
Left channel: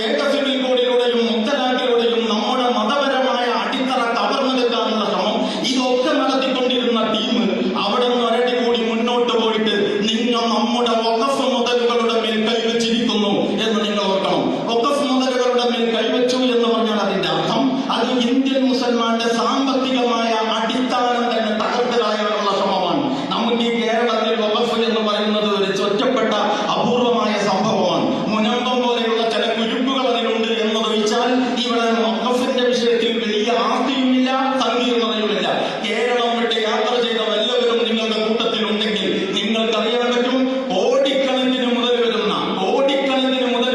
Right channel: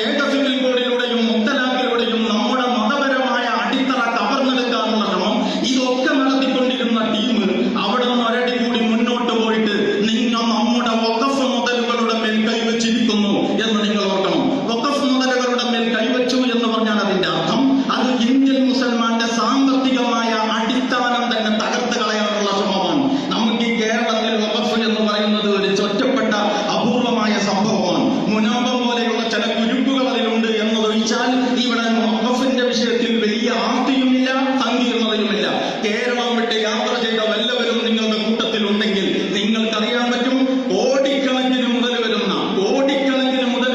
ഏക സിവിൽ കോഡിലൂടെയും മുത്തലാഖിലൂടെയും നമ്മുടെ മതപരമായ അടിത്തറ കവർന്നെടുക്കാനുള്ള ശ്രമം, ഇതൊക്കെ നടത്തിക്കൊണ്ടിരുന്ന ടീം അവിടെ നിന്ന് ഒരടി കൂടി മുന്നോട്ട് പോയിട്ട് നിങ്ങൾ നമ്മുടെ വഖഫ് മുതലുകളുടെ മേൽ കൈവച്ചിരിക്കുന്നു എന്ന് നിങ്ങൾ ഓർക്കണം. വഖഫ് മുതലുകളുടെ മേൽ കൈവച്ചു എന്ന് പറഞ്ഞാൽ അതിന്റെ അർത്ഥം അത് ഇന്ത്യൻ മുസൽമാന്റെ സാമ്പത്തികമായ അടിസ്ഥാനം തന്നെ തകർത്ത് കളയാനുള്ള ശ്രമമാണ്. നമുക്ക് ഈ കേരളത്തിൽ വഖഫ് എന്ന് പറയുന്നത് ഒരു ഒറ്റപ്പെട്ട അപൂർവമായ സംഭവമാണ്. മുനാമ്പം പോലെയുള്ള ചില കുരുക്കുകൾ അതിലുണ്ട് എന്നതൊഴിച്ചാൽ ഇവിടെ വഖഫിന്റെ വിഷയത്തിൽ വലിയ ആസ്തിയുമില്ല, സങ്കീർണതയുമില്ല. കേരളം വിട്ട് യാത്ര ചെയ്ത വല്ലവരും നിങ്ങളുടെ കൂട്ടത്തിലുണ്ടെങ്കിൽ നിങ്ങൾക്കറിയാൻ പറ്റും, കോടിക്കണക്കിന് മുതൽ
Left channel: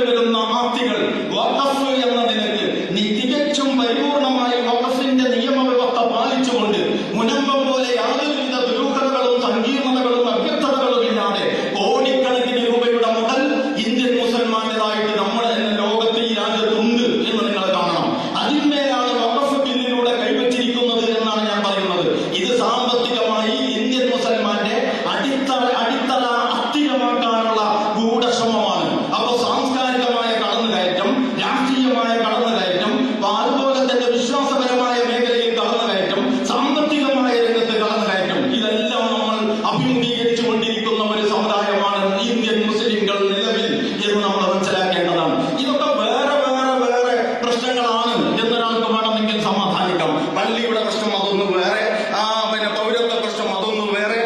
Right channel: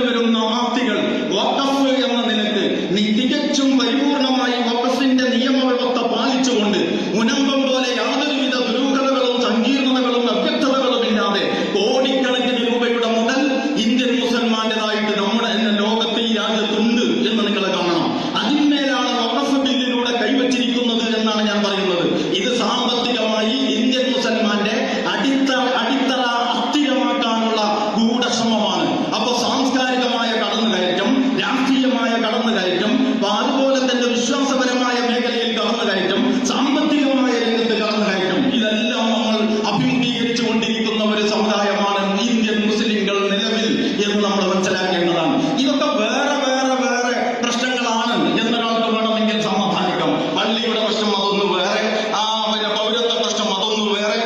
വരുന്ന ആസ്തികൾ വഖഫ് എന്ന നിലക്ക് തികച്ചും പരിപൂർണമായി വഖഫിന്റെ നിയമവ്യവസ്ഥ സാമ്പത്തികമായി ഇന്ത്യൻ മുസൽമാന്റെ അടിത്തറ അസ്ഥിരമാക്കാനുള്ള ഗൂഢശ്രമമാണ്. അപ്പൊ സാംസ്കാരികമായ കടന്നുകയറ്റം, രാഷ്ട്രീയമായ കടന്നുകയറ്റം, അതുപോലെ തന്നെ വിശ്വാസപരമായ മേഖലയിൽ കടന്നുകയറ്റം, സാമ്പത്തികമായ രംഗത്ത് കടന്നുകയറ്റം, ഇതെല്ലാം നമ്മൾ അഭിമുഖീകരിച്ചു കൊണ്ടിരിക്കുന്ന ഒരു സമുദായമാണ് ഇന്ത്യൻ മുസ്ലിങ്ങൾ നിലവിൽ എന്ന് നമ്മൾ മനസ്സിലാക്കേണ്ടതാണ്. ഇതൊക്കെ വേറെ വേറെ വേറെ പ്രശ്നങ്ങളാണ് എന്നൊരാൾക്ക് വേണമെങ്കിൽ സമാധാനിക്കാം. പള്ളിയുടെ പ്രശ്നം അതൊന്ന് വേറെ, പിന്നെ പൗരത്വ പ്രശ്നം അതൊന്ന് വേറെ,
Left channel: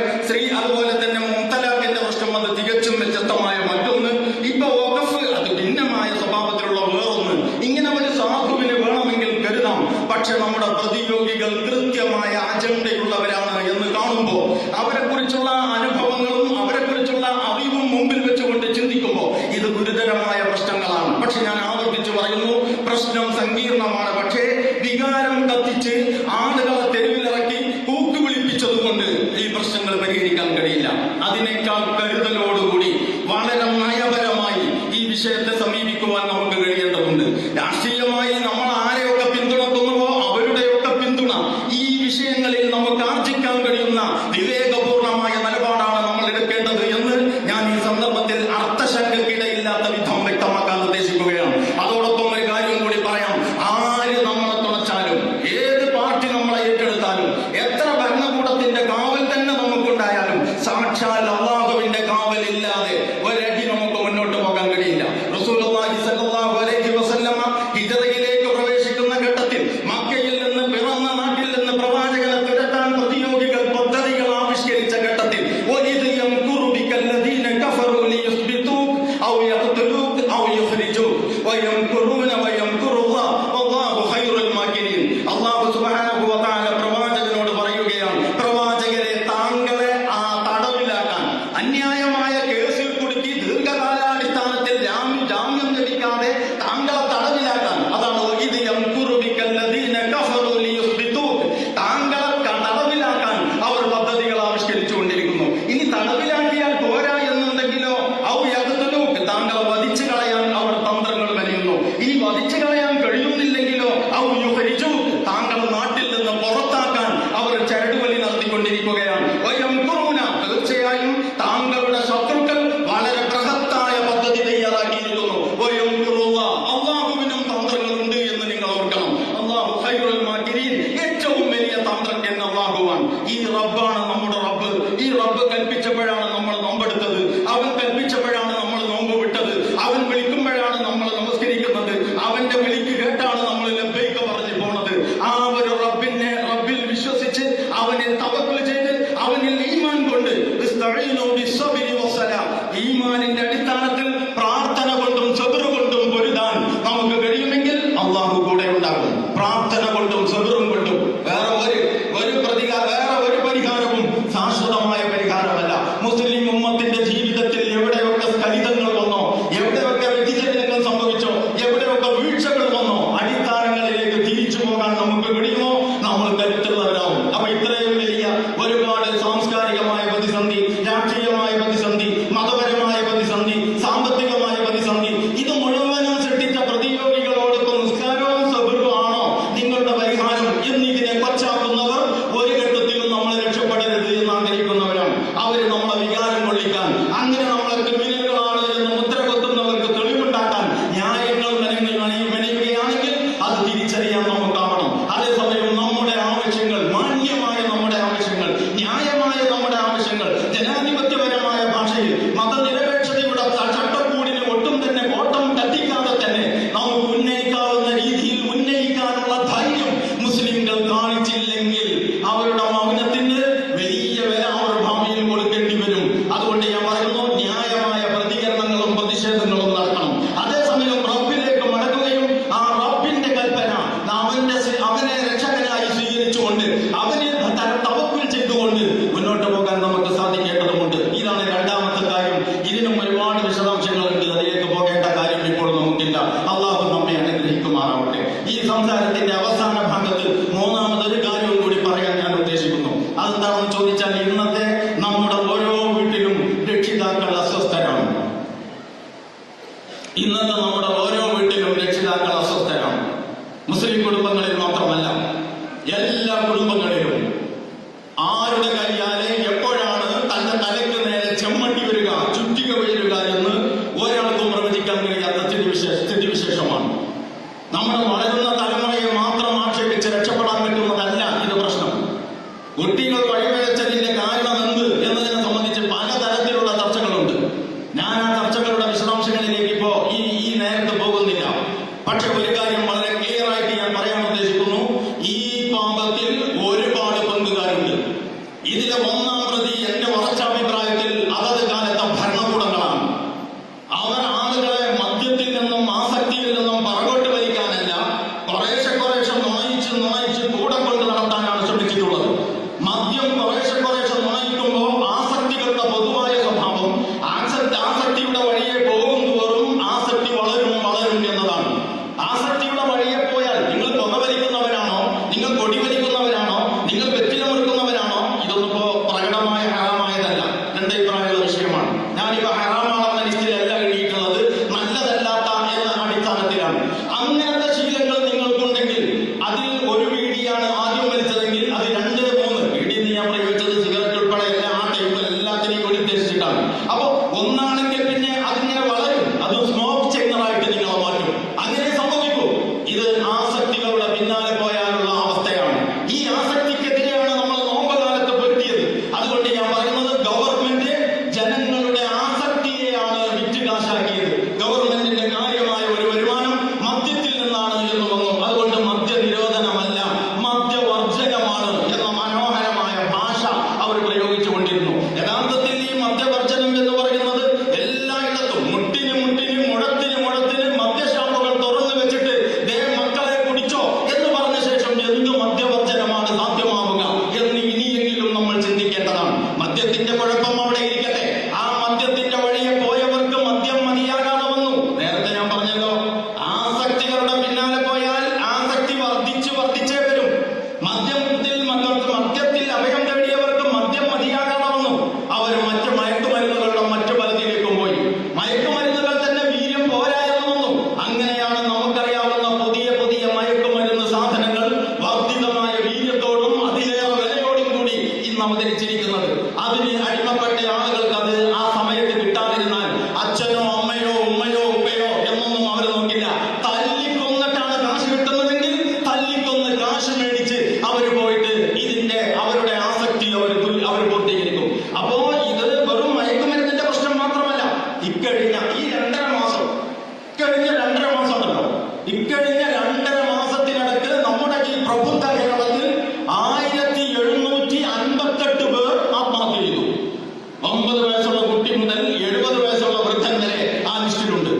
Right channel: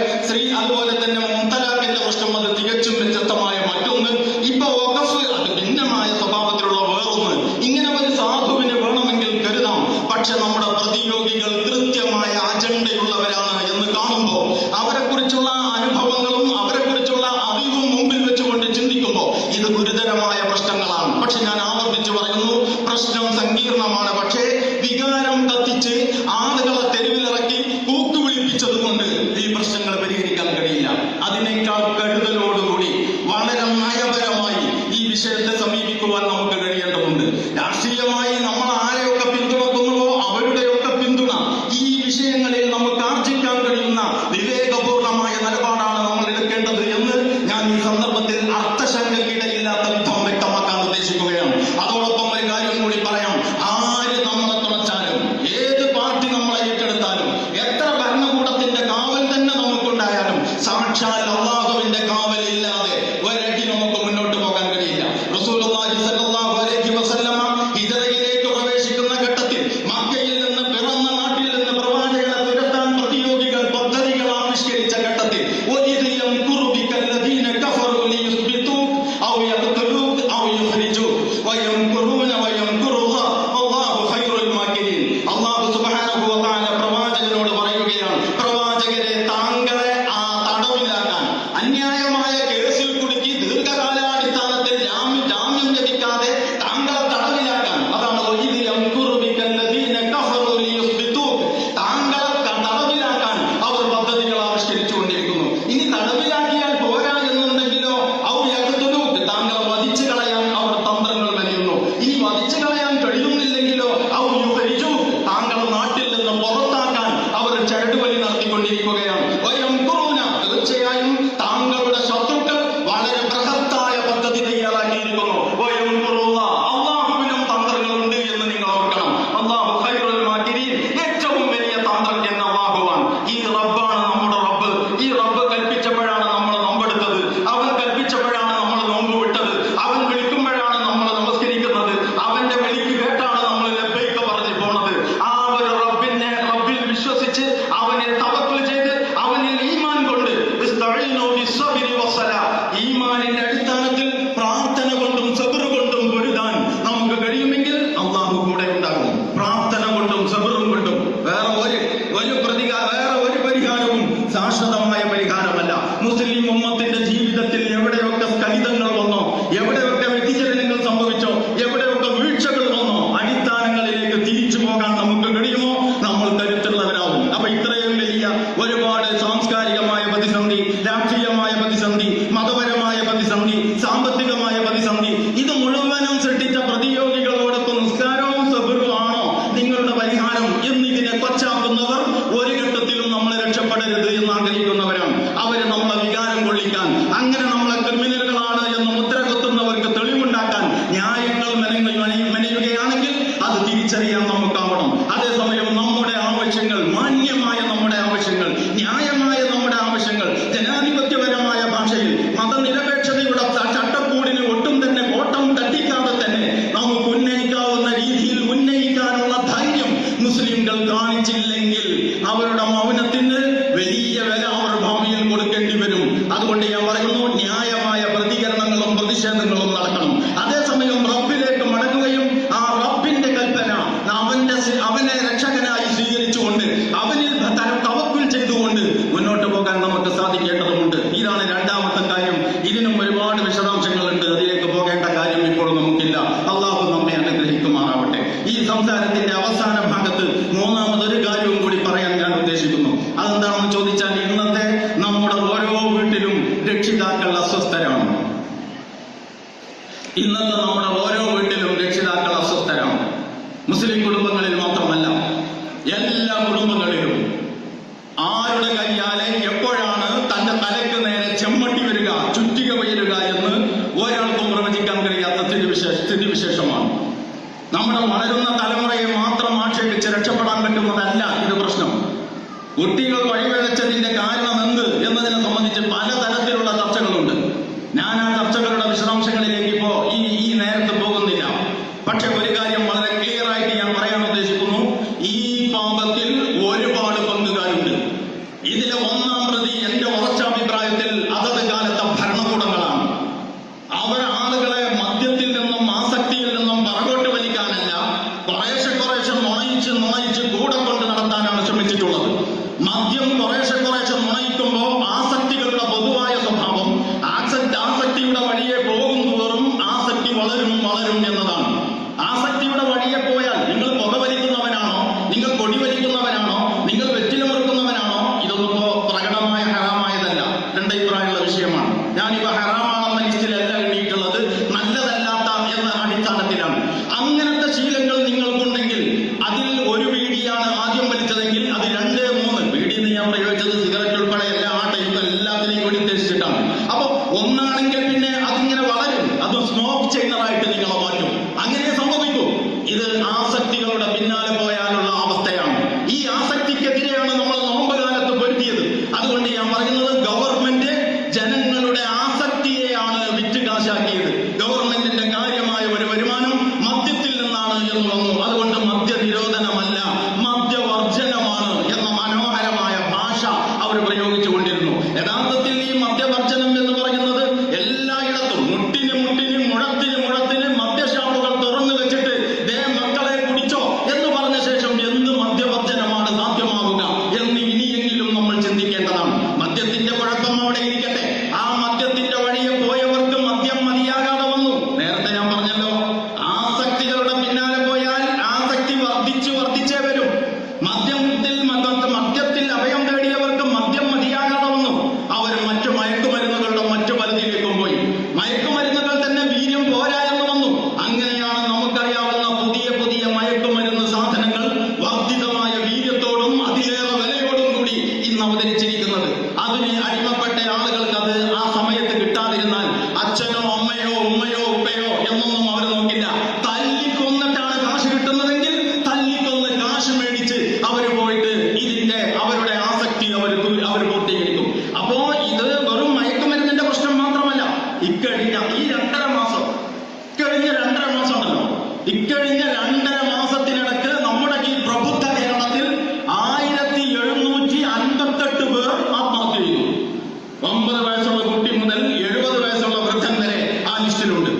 അതുപോലെ തന്നെ മുത്തലാഖിന്റെ പ്രശ്നം അത് തികച്ചും വ്യത്യസ്തമായ മറ്റൊന്ന്, ഇപ്പൊ വഖഫ് അത് ഭിന്നമായ സ്വഭാവത്തിലുള്ള വേറൊന്ന്. ഇങ്ങനെ ഒരു സാധുവിന് വേണമെങ്കിൽ കരുതാം. പക്ഷെ നമ്മുടെ പ്രതിയോഗികൾ കൃത്യമായ അജണ്ടയുള്ളവരാണ് എന്ന് കാണുമ്പോൾ, അവരെ കുറിച്ചുള്ള അനുഭവങ്ങളും അവരെ കുറിച്ചുള്ള അറിവും മുമ്പിൽ വെച്ചുകൊണ്ട് ചിന്തിക്കുമ്പോൾ ഇത് ഗുരുതരമായ പ്രശ്നങ്ങളാണ്. പക്ഷെ ഞാൻ ആവർത്തിച്ച് പറയുന്നു, പ്രശ്നം സങ്കീർണമാണ്. പക്ഷേ വികാരം കത്തിച്ച് ആളുകളെ തെരുവിലിറക്കി കൂക്കുവിളിപ്പിച്ചത് കൊണ്ട് ഈ പ്രശ്നങ്ങൾ പരിഹരിക്കാൻ കഴിയില്ല. അതിനേക്കാൾ കരുതലോടുകൂടി വളരെ നയപരമായി ഈ വിഷയത്തെ സമീപിക്കുവാൻ നമുക്ക് കഴിയേണ്ടതുണ്ട്. രാഷ്ട്രീയമായി നമ്മൾ ആരെയൊക്കെ പിന്തുണക്കുന്നുവോ അവരുടെയൊക്കെ പിന്തുണ ഈ വിഷയങ്ങളിൽ നമുക്ക് ആർജിക്കാൻ കഴിയുന്ന വിവേകപൂർണമായ നിലപാടാണ് നമ്മൾ എടുക്കേണ്ടത് എന്ന് ഞാൻ ഈ സന്ദർഭത്തിൽ അർത്ഥശങ്കയ്ക്കിടയില്ലാത്ത വിധം വ്യക്തമാക്കാൻ ഉദ്ദേശിക്കുകയാണ്. അതോടൊപ്പം ഒരു കാര്യം കൂടി പറയാം. ആര് നമ്മളെ തുണച്ചാലും, ഏത് പാർട്ടി നമ്മളെ ഏറ്റെടുത്താലും, എത്ര ഭരണകൂടത്തിന്റെ കാവൽ തന്നെ നമുക്കുണ്ടായാലും, സാക്ഷാൽ അള്ളാഹുവിന്റെ കാവലില്ലാതെ ഒരടി നമുക്ക് മുന്നോട്ട് പോകാൻ കഴിയില്ല. റസൂലുള്ളാഹി സ്വല്ലല്ലാഹു അലൈഹി വസല്ലമ ഹിജ്റയിലേക്ക് പ്രവേശിക്കുന്ന ഘട്ടത്തിൽ മക്കയിൽ നിന്ന് പിറന്ന നാട്ടിൽ നിന്ന് പ്രവാചകനെ തിരക്കാൻ പ്രതിയോഗികൾ പദ്ധതികൾ ആവിഷ്കരിച്ച ഘട്ടത്തിൽ വഇദ് യംകുറു ബികല്ലദീന കഫറു ലിയുസ്ബിതൂക ഔ യഖ്തുലൂക ഔ യുഖ്രിജൂക വയംകുറൂന വയംകുറുല്ലാഹ് വല്ലാഹു ഖൈറുൽ മാകിരീൻ. അല്ലാഹു സുബ്ഹാനഹു വ തആല പ്രവാചകനോട് പറയുകയാണ്, പ്രവാചകരെ താങ്കളെ തടവിലാക്കാൻ, അന്യായമായ കേസിൽ കുടുക്കി ദീർഘകാലാടിസ്ഥാനത്തിൽ ജാമ്യം ലഭിക്കാതെ താങ്കളെ തടവിലാക്കാൻ, അതാണ് വഇദ് യംകുറു ബികല്ലദീന കഫറു ലിയുസ്ബിതൂക, താങ്കളെ തടവിലാക്കാൻ അവർ പദ്ധതികൾ ആവിഷ്കരിച്ചുകൊണ്ടിരിക്കുന്നു. ഇനി തടവിലാക്കിയാൽ പോരാ എന്നുണ്ടെങ്കിലോ ഔ യഖ്തുലൂക, താങ്കളെ വധിച്ചു കളയാൻ അവർ തന്ത്രങ്ങൾ മെനയുന്നു. ഈ വധിച്ചു കളയാൻ കഴിയുന്നില്ലെങ്കിലോ ഔ യുഖ്രിജൂക, താങ്കളെ നാട്ടിൽ നിന്ന് പുറത്താക്കാൻ അവർ ചരടുവലി നടത്തിക്കൊണ്ടിരിക്കുകയാണ്. വയംകുറൂന, തീർച്ചയായും താങ്കളുടെ ശത്രുക്കൾ വളരെ ബൃഹത്തായ പദ്ധതി തയ്യാറാക്കിയിരിക്കുന്നു. വയംകുറുല്ലാഹ്, അള്ളാഹുവിനും തന്ത്രങ്ങളുണ്ട് എന്ന് നിങ്ങൾ ഓർക്കണം. അല്ലാഹു ഖൈറുൽ മാകിരീൻ, ഏറ്റവും വലിയ തന്ത്രജ്ഞൻ അള്ളാഹുവാണ്. ഈ റബ്ബാണ് നമ്മുടെ റബ്ബ്. ഈ റബ്ബ് കൽപ്പിച്ചപ്പോഴാണ് നമ്മൾ നോമ്പെടുത്തത്, അവൻ കൽപ്പിച്ചപ്പോഴാണ് നമ്മൾ നോമ്പ് വിട്ടത്, അവൻ വിളിക്കുമ്പോഴാണ് നമ്മൾ നമസ്കരിക്കുന്നത്, അവന്റെ വിളിക്ക് കേട്ടാണ് നമ്മൾ ലബ്ബൈക പറഞ്ഞു പോണത്. ആ ഒരു റബ്ബിൽ വിശ്വസിച്ച് അവനെ തവക്കുൽ ചെയ്ത് അവനിൽ ഈമാൻ കൊണ്ട് ഇസ്തഈനു ബിസ്സബ്രി വസ്സലാ, ഈമാനിന്റെ അടിസ്ഥാനത്തിൽ പ്രാർത്ഥന കൊണ്ടും സബ്ർ കൊണ്ടും പൊരുതാൻ നമുക്ക് കഴിയുമെങ്കിൽ അള്ളാഹു കൂടെ ഉണ്ടാകും. പ്രാർത്ഥന കൊണ്ടും സബ്റും കൊണ്ടും വേറെ ഒരു പരിഹാരവും ശാശ്വതമായ പരിഹാരമല്ല. മുസ്ലിം ഉമ്മത്തിന്റെ ജീവിതത്തിൽ എവിടെയൊക്കെ സ്ഖലിതങ്ങൾ വന്നോ, എവിടെയൊക്കെ വ്യതിചലനങ്ങൾ സംഭവിച്ചോ, എവിടെയൊക്കെ വീഴ്ചകൾ വന്നോ, അടിസ്ഥാനങ്ങളിലേക്ക് തിരിച്ചു പോകാൻ നമുക്ക് കഴിയുമോ നമ്മൾ കരുത്തുള്ളവരാകും. അപ്പൊ ഇത്രയും വലിയ ഒരുപാട് സാംസ്കാരികമായ പ്രതിസന്ധി, രാഷ്ട്രീയമായ പ്രതിസന്ധി, മതപരമായ പ്രതിസന്ധി, സാമ്പത്തികമായ പ്രതിസന്ധി, ഇത് മുഴുവനും സൃഷ്ടിച്ച പ്രതിയോഗികളോടൊപ്പം നിസ്കാരവും സബ്റും ആണോ നിങ്ങളുടെ പരിഹാരം എന്നിതിനെ കൊച്ചാകുന്നവർ ഒരു ഘട്ടത്തിലും നമ്മളെ രക്ഷപ്പെടരുത് എന്ന് ആഗ്രഹിക്കുന്നവരാണ്. അവര് നമ്മളെ വികാരം കൊള്ളിക്കാൻ, അങ്ങനെ നമ്മളെ ക്രിമിനലുകളാണ് എന്ന് മുദ്ര കൊത്തുന്നവർക്ക് തെളിവുണ്ടാക്കാൻ ന്യായങ്ങൾ മെനയുകയാണെങ്കിൽ അത് തിരിച്ചറിയാൻ നമുക്കാവണം. അതേസമയം നമ്മുടെ ആവശ്യങ്ങൾ, മാന്യമായ നമ്മുടെ ആവശ്യങ്ങൾ, ന്യായമായ നമ്മുടെ ആവശ്യങ്ങൾ, ജനാധിപത്യപരമായ ഭാഷയിൽ മതനിരപേക്ഷതയുടെ ചട്ടക്കൂടിന് ഒട്ടും തന്നെ കോട്ടം തട്ടിക്കാതെ തന്നെ നമുക്ക് ഉന്നയിക്കാവുന്ന രീതിയിൽ ഉന്നയിക്കാനുള്ള ധൈര്യം മുസ്ലിംകൾ കാണിച്ചില്ലെങ്കിൽ അവരുടെ മൗനത്തിന് വലിയ വില അവർ ഭാവിയിൽ കൊടുക്കേണ്ടി വരും. അതുകൊണ്ട് ഞാൻ പറയുന്നു, ന്യായമായ പ്രതികരണങ്ങളും പ്രതിഷേധങ്ങളും നടക്കണം. അതേസമയം റബ്ബിലേക്ക് മടങ്ങുകയും ആ റബ്ബിന്റെ കൽപ്പന അവനെ രക്ഷകനായി സ്വീകരിച്ചുകൊണ്ട് അവനിൽ തവക്കുൽ ചെയ്തുകൊണ്ട് മുന്നോട്ട് പോകാൻ നമുക്ക് സാധിക്കേണ്ടതുണ്ട്. ഇതാണ് രണ്ടാമത്തെ കാര്യം. ഇതിനും ഒരുപാട് വിശദാംശങ്ങളുണ്ട്, അതിലേക്ക് പോകേണ്ട കാര്യം ഇപ്പോൾ നമുക്കില്ല. അള്ളാഹു നമ്മെ അനുഗ്രഹിക്കുമാറാവട്ടെ. ഈ സംസാരത്തിന്റെ അവസാന ഭാഗത്ത് മൂന്നാമതൊരു കാര്യവും കൂടി പറയാൻ ഞാൻ ഉദ്ദേശിക്കുന്നു. അതെന്താണെന്ന് ചോദിച്ചാൽ, ഇന്നത്തെ നമ്മുടെ ഓരോ വീട്ടിലും രക്ഷിതാക്കൾ അസ്വസ്ഥരാണ്. ഇന്നത്തെ നമ്മുടെ ഓരോ വീട്ടിലും രക്ഷിതാക്കൾ മുസ്ലിം കുടുംബങ്ങളിൽ മാത്രമല്ല എല്ലാ കുടുംബങ്ങളിലും ആരുടെ കയ്യാലെ എപ്പോഴാണ് തന്റെ തലക്ക് നേരെ ചെമ്മട്ടി വരിക, ചുറ്റിക വീഴുക എന്ന് ഒരാൾക്കും പ്രവചിക്കാൻ കഴിയാത്ത സ്ഥിതിവിശേഷമാണ്. നമ്മുടെ വളരുന്ന തലമുറയെ മാത്രം ആക്ഷേപിച്ച് രക്ഷപ്പെടാൻ പറ്റുന്നതല്ല ഇത് പ്രശ്നം. കുട്ടികൾ വഴിപിഴച്ചതിന്റെ കാരണം എന്ത് എന്നതിനെ സംബന്ധിച്ച് പലതരത്തിലുള്ള ചർച്ചകളുണ്ട്. ഞാൻ ആ ചർച്ചകളുടെ വിശദാംശങ്ങളിലേക്ക് ഇപ്പോ ഈ നേരത്തെ പോകുന്നില്ല. പക്ഷെ ഒരു കാര്യം വളരെ ക്ലിയർ ആയിട്ട് ഞാൻ പറയാൻ ഉദ്ദേശിക്കുന്നു. ഈ പാപത്തിൽ ഒരുപാട് പങ്കുകാരുണ്ട്. ഇതിലെ ഒന്നാം പ്രതി എന്റെ ഉറച്ചാഭിപ്രായത്തിൽ അതത് കാലത്തെ ഭരണകൂടങ്ങളാണ്. അവർ ആളുകളെ മദ്യത്തിൽ നിന്നും ആസക്തിയിൽ നിന്നും പറകോട്ട് വലിക്കാനല്ല, കുറേശ്ശെ നുണയിച്ച് കൂടെ കൊണ്ട് നടത്താനാണ് ശ്രമിച്ചിട്ടുള്ളത്. മദ്യം കുറേശ്ശെ നുണയിക്കുമ്പോൾ ആസക്തികളുടെ പൊതുവായ സ്വഭാവം ആസക്തിയുടെ വഴിയെ പോകുന്തോറും ആസക്തി വളരും എന്നതാണ്. ആസക്തിയുടെ വഴിയെ പോയാൽ നിങ്ങൾ പുകവലിക്കുന്നവരാണോ, നിങ്ങൾ കൊടിവലിക്കുന്നവരാണോ, നിങ്ങൾ വെറ്റില മുറുക്കുന്നവരാണോ, ഇതൊന്നും പ്രകടമായ ഹറാമായതല്ല. എന്റെ അഭിപ്രായമുള്ള വിഷയമാണ്. ഞാനിപ്പോ ഹറാമാണെന്ന ലിസ്റ്റിലല്ല എഴുതിയിട്ടുള്ളത്, നല്ലതല്ലാത്ത എന്ന അടിസ്ഥാനത്തിലാണ്. അങ്ങനത്തെ ശീലങ്ങൾ നിങ്ങൾക്കുണ്ടെങ്കിൽ അതിൽ ഒരു വീടിയാണ് ആദ്യം വലിച്ചതെങ്കിൽ അത് 2, 3 വീടിന്ന് ഞാൻ പ്രയോഗിച്ചത് സിഗരറ്റ് ഉൾപ്പെടെ എല്ലാ ടൈപ്പ് എല്ലാത്തിനെയും കൂടി ഉദ്ദേശിച്ചിട്ടാണ്. അപ്പോ ഒന്നാണെങ്കിൽ പിന്നെ അതിങ്ങനെ വളരും, അത് സ്മോക്ക് ചെയ്യുന്നതായിട്ട് നിങ്ങളെ മാറ്റും. അങ്ങനെ സംഭവിക്കും. ഇത് ആസക്തികളുടെ പിന്നാലെ പോയാലുള്ള അവസ്ഥയാണ്. ഈ ആസക്തിക്കെതിരെയാണ് നമ്മൾ നോമ്പ് കാലത്ത് പൊരുത്തിയത്. അതുകൊണ്ട് ഞാൻ പറയുന്നത് ഗവൺമെന്റ് ജനങ്ങളുടെ ആസക്തിയെയാണ് വിറ്റുകാശാക്കിയത്. ഗവൺമെന്റിന്റെ കാര്യമായ ഒരു വരുമാനം മദ്യത്തിൽ നിന്നാണ് എന്ന് തോന്നുന്നു. അതുകൊണ്ട് മദ്യ നിരോധനമല്ല, മദ്യവർജനമാണ് എന്ന മനോഹരമായ ഭാഷ അവർ പ്രയോഗിച്ചുകൊണ്ടിരുന്നു. യഥാർത്ഥത്തിൽ ഈ മദ്യവർജനം എന്ന് പറയുന്നത് എല്ലായിടത്തും മുഴത്തിന് മദ്യഷാപ്പുകൾ തുറന്നു വെച്ചിട്ട് ദേ മക്കളെ കുടിച്ചോ എന്ന് പറഞ്ഞ ശേഷം എന്ത് മദ്യവർജനമാണ് സാധ്യമാവുക എന്ന് ഇനിയെങ്കിലും നമ്മൾ ചിന്തിക്കേണ്ടതാണ്. മദ്യത്തിന്റെ കുഴപ്പം അവിടെ ഇരിക്കട്ടെ. ആ മദ്യത്തിന്റെ വഴിയെ പോയവർക്ക് മദ്യം മതിയാകാതെ വന്നു. നേരത്തെ ഞാൻ പറഞ്ഞല്ലോ, ആസക്തികളുടെ പിന്നാലെ പോയാൽ ആസക്തി വർദ്ധിച്ചേ വരും. മദ്യത്തിൽ അഭയം തേടിയവർക്ക് മദ്യം മതിയാകാതെ വന്നു. അവർ മറ്റു മയക്കുമരുന്നുകളുടെ മറ്റു പലതിലേക്കും പോയി. മയക്കുമരുന്നുകൾ തന്നെ വീര്യം പോരാ എന്ന് വന്നു. അങ്ങനെയാണ് നമുക്കറിയാവുന്ന പുതിയ മയക്കുമരുന്ന് സാധനങ്ങൾ വർദ്ധിതമായ വീര്യത്തോടും അതിലേറെ വിലയോടും കൂടി ഇന്ന് അവതരിച്ചിരിക്കുന്നത്. അതിന് അടിമപ്പെട്ട ആളുകൾക്ക് അത് ആ സമയത്ത് കിട്ടാതിരുന്നാൽ അച്ഛനോ അമ്മയോ ഉമ്മയോ ഉപ്പയോ എന്നൊന്നും അവർ നോക്കില്ല. തല്ലിക്കൊന്നിട്ടാണ് കാശ് കിട്ടുന്നതെങ്കിൽ തല്ലിക്കൊന്ന് കാശ് മേടിച്ച് അവര് പോയിട്ട് അവരുടെ ആസക്തി അവർ പൂർത്തീകരിക്കും. അപ്പോ ഇത് വെറും മയക്കുമരുന്നിന്റെ പ്രശ്നം മാത്രമല്ല. ഇക്കഴിഞ്ഞ 2.5 മാസം ഉണ്ടല്ലോ, ഇക്കഴിഞ്ഞ 2.5 മാസത്തിനിടക്ക് നമ്മുടെ ഈ പ്രബുദ്ധ കേരളത്തിൽ 1758 പേർ ആത്മഹത്യ ചെയ്തു. 9 വയസ്സുള്ള കുട്ടി മുതൽ 70 വയസ്സുള്ള വൃദ്ധൻ വരെ ആ ലിസ്റ്റിലുണ്ട്.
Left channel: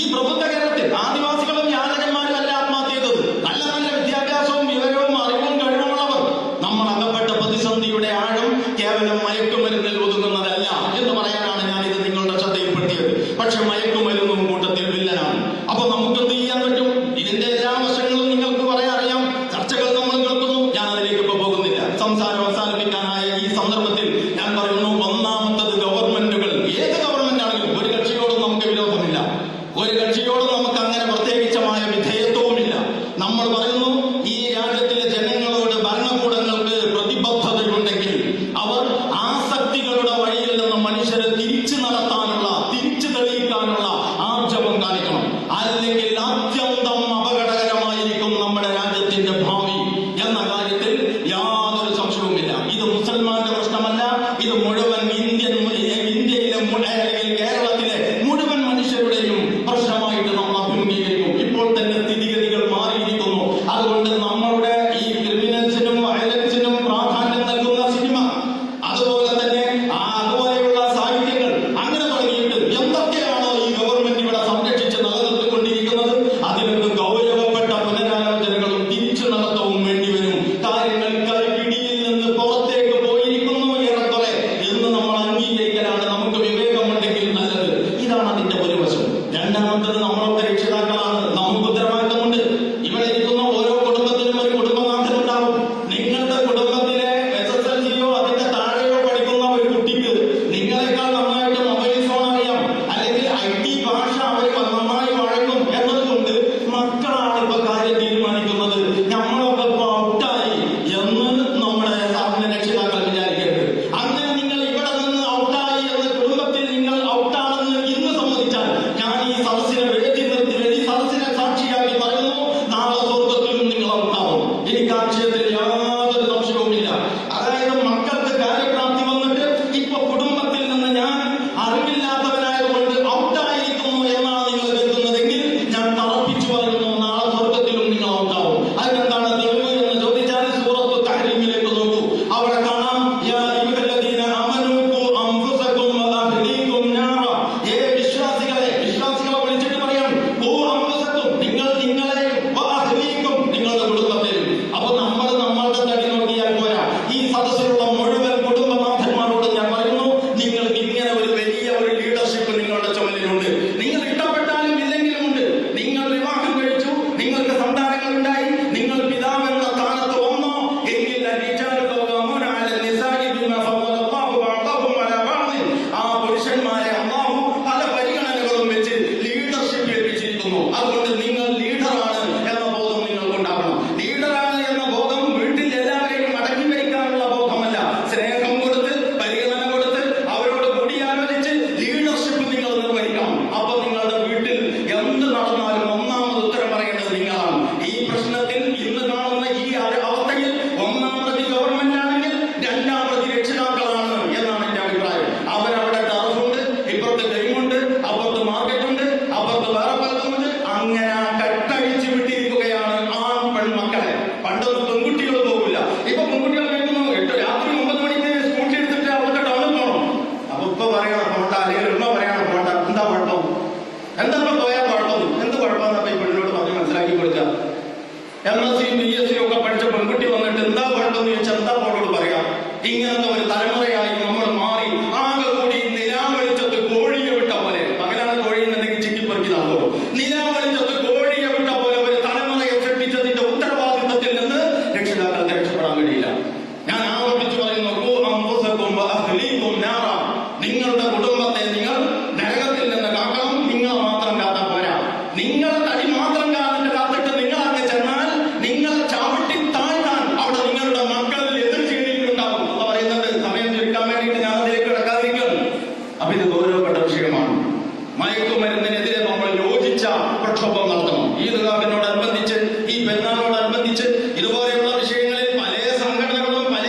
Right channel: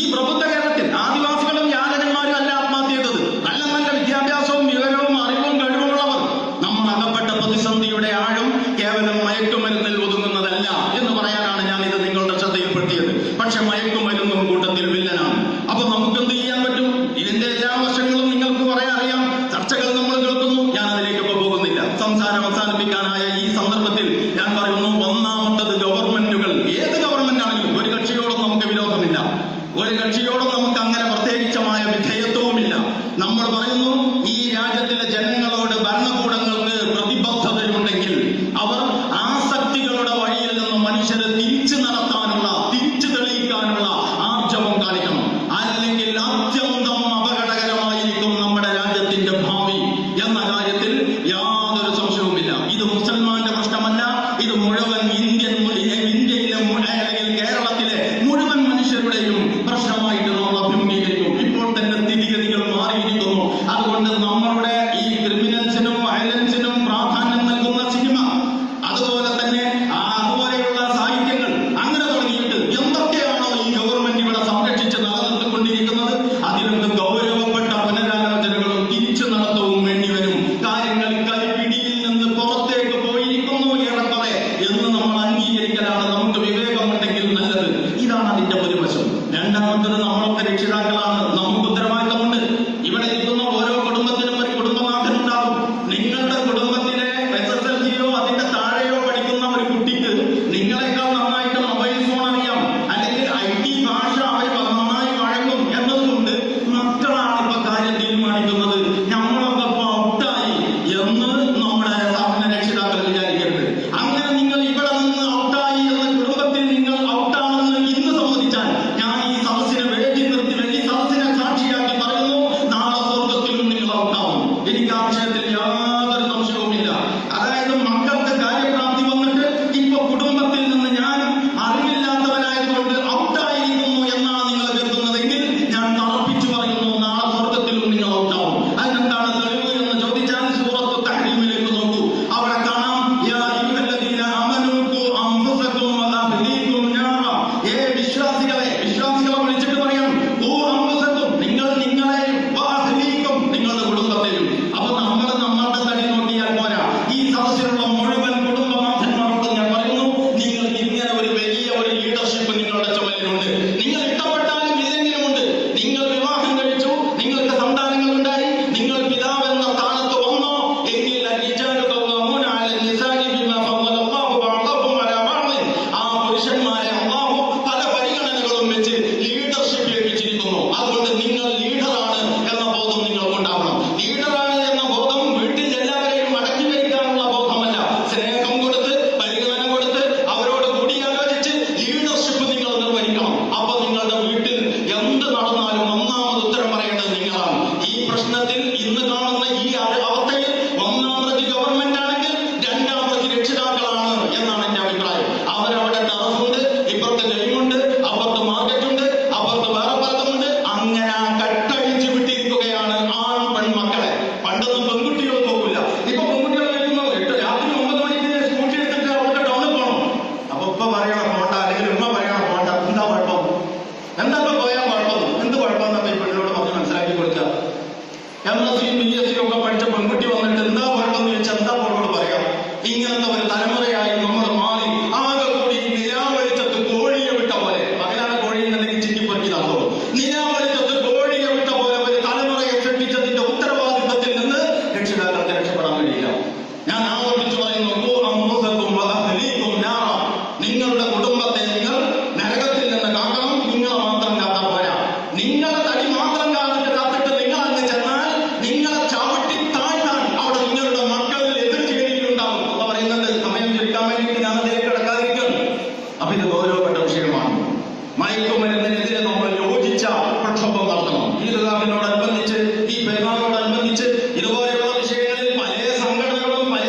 ഈ പ്രബുദ്ധ കേരളത്തിൽ ആദിവാസികളും യാചകന്മാരും അല്ല ആത്മഹത്യ ചെയ്തത്. നല്ല വിദ്യാഭ്യാസവും വിവരവും അറിവും കഴിവുമുള്ളവർ. നമ്മൾ അകപ്പെട്ട പ്രതിസന്ധിയുടെ ആഴം കേവലം മയക്കുമരുന്നിൽ ഒതുങ്ങുന്നതല്ല എന്ന് പറയാനാണ് ഞാൻ ഇത് നിങ്ങളുടെ ശ്രദ്ധയിൽപ്പെടുത്തിയത്. പക്ഷെ മയക്കുമരുന്നും കൂട്ടത്തിൽ വില്ലനാണ്. അപ്പൊ നമുക്ക് എന്ത് ചെയ്യാൻ പറ്റും? ഇതിന്റെ എല്ലാ വശങ്ങളും നിങ്ങൾക്ക് പറയാൻ അറിയാം. ചർച്ചകൾ നമ്മൾ കേൾക്കുന്നു. ഞാൻ അതിലേക്ക് പോകുന്നില്ല. സംസാരം അവസാനിപ്പിക്കാനായ ഈ സന്ദർഭത്തിൽ ഞാൻ പറയുന്നു, ഒന്നാമത്തത് ഗവൺമെന്റുകൾ, ഏത് ഗവൺമെന്റ് ആണെങ്കിലും ഒരു കക്ഷിയോടും നമുക്ക് വിരോധമില്ല. ഒരു കക്ഷിയോടും നമുക്ക് അങ്ങനെ പ്രത്യേകിച്ചമായ വിധേയത്വവുമില്ല. നമ്മൾ പറയുന്നു, ഈ രാജ്യത്തിലെ ജനങ്ങളോട് ഭരണകൂടങ്ങൾക്ക് പ്രതിബദ്ധതയുണ്ടെങ്കിൽ മറുപടിയില്ല. ഞാൻ ആവർത്തിച്ചു പറയുന്നു, നിങ്ങളുടെ കുടുംബത്തെ നിങ്ങൾ നരകത്തിൽ നിന്ന് കാക്കണം. നിങ്ങളെ മാത്രം കാത്താൽ പോരാ. നിങ്ങളെ തടി മാത്രം കാത്തിട്ട് നിങ്ങൾ അങ്ങ് ചെന്നാൽ നിങ്ങളെ ചവിട്ടി താഴ്ത്താൻ അവിടെ നിങ്ങളുടെ മക്കളിൽ എതിർ ചെയ്തിട്ടുണ്ടാവും. അപ്പൊ പറയുന്നത് സമയം ചുരുക്കാൻ വേണ്ടിയിട്ട് ഞാൻ അതിലേക്ക് കിടക്കാതിരിക്കുകയാണ്. അപ്പൊ ഇത് ഗൗരവപ്പെട്ട വിഷയമാണ്. മയക്കുമരുന്നിനെതിരെ നമ്മൾ യോജിച്ച പ്രക്ഷോഭം നടത്തണം. ഈദ്ഗാഹിനോടനുബന്ധിച്ച്, ഈ പെരുന്നാളിനോടനുബന്ധിച്ച് ഇതുപോലെയുള്ള വിഷയങ്ങളിൽ പല സംഘടനകളും പല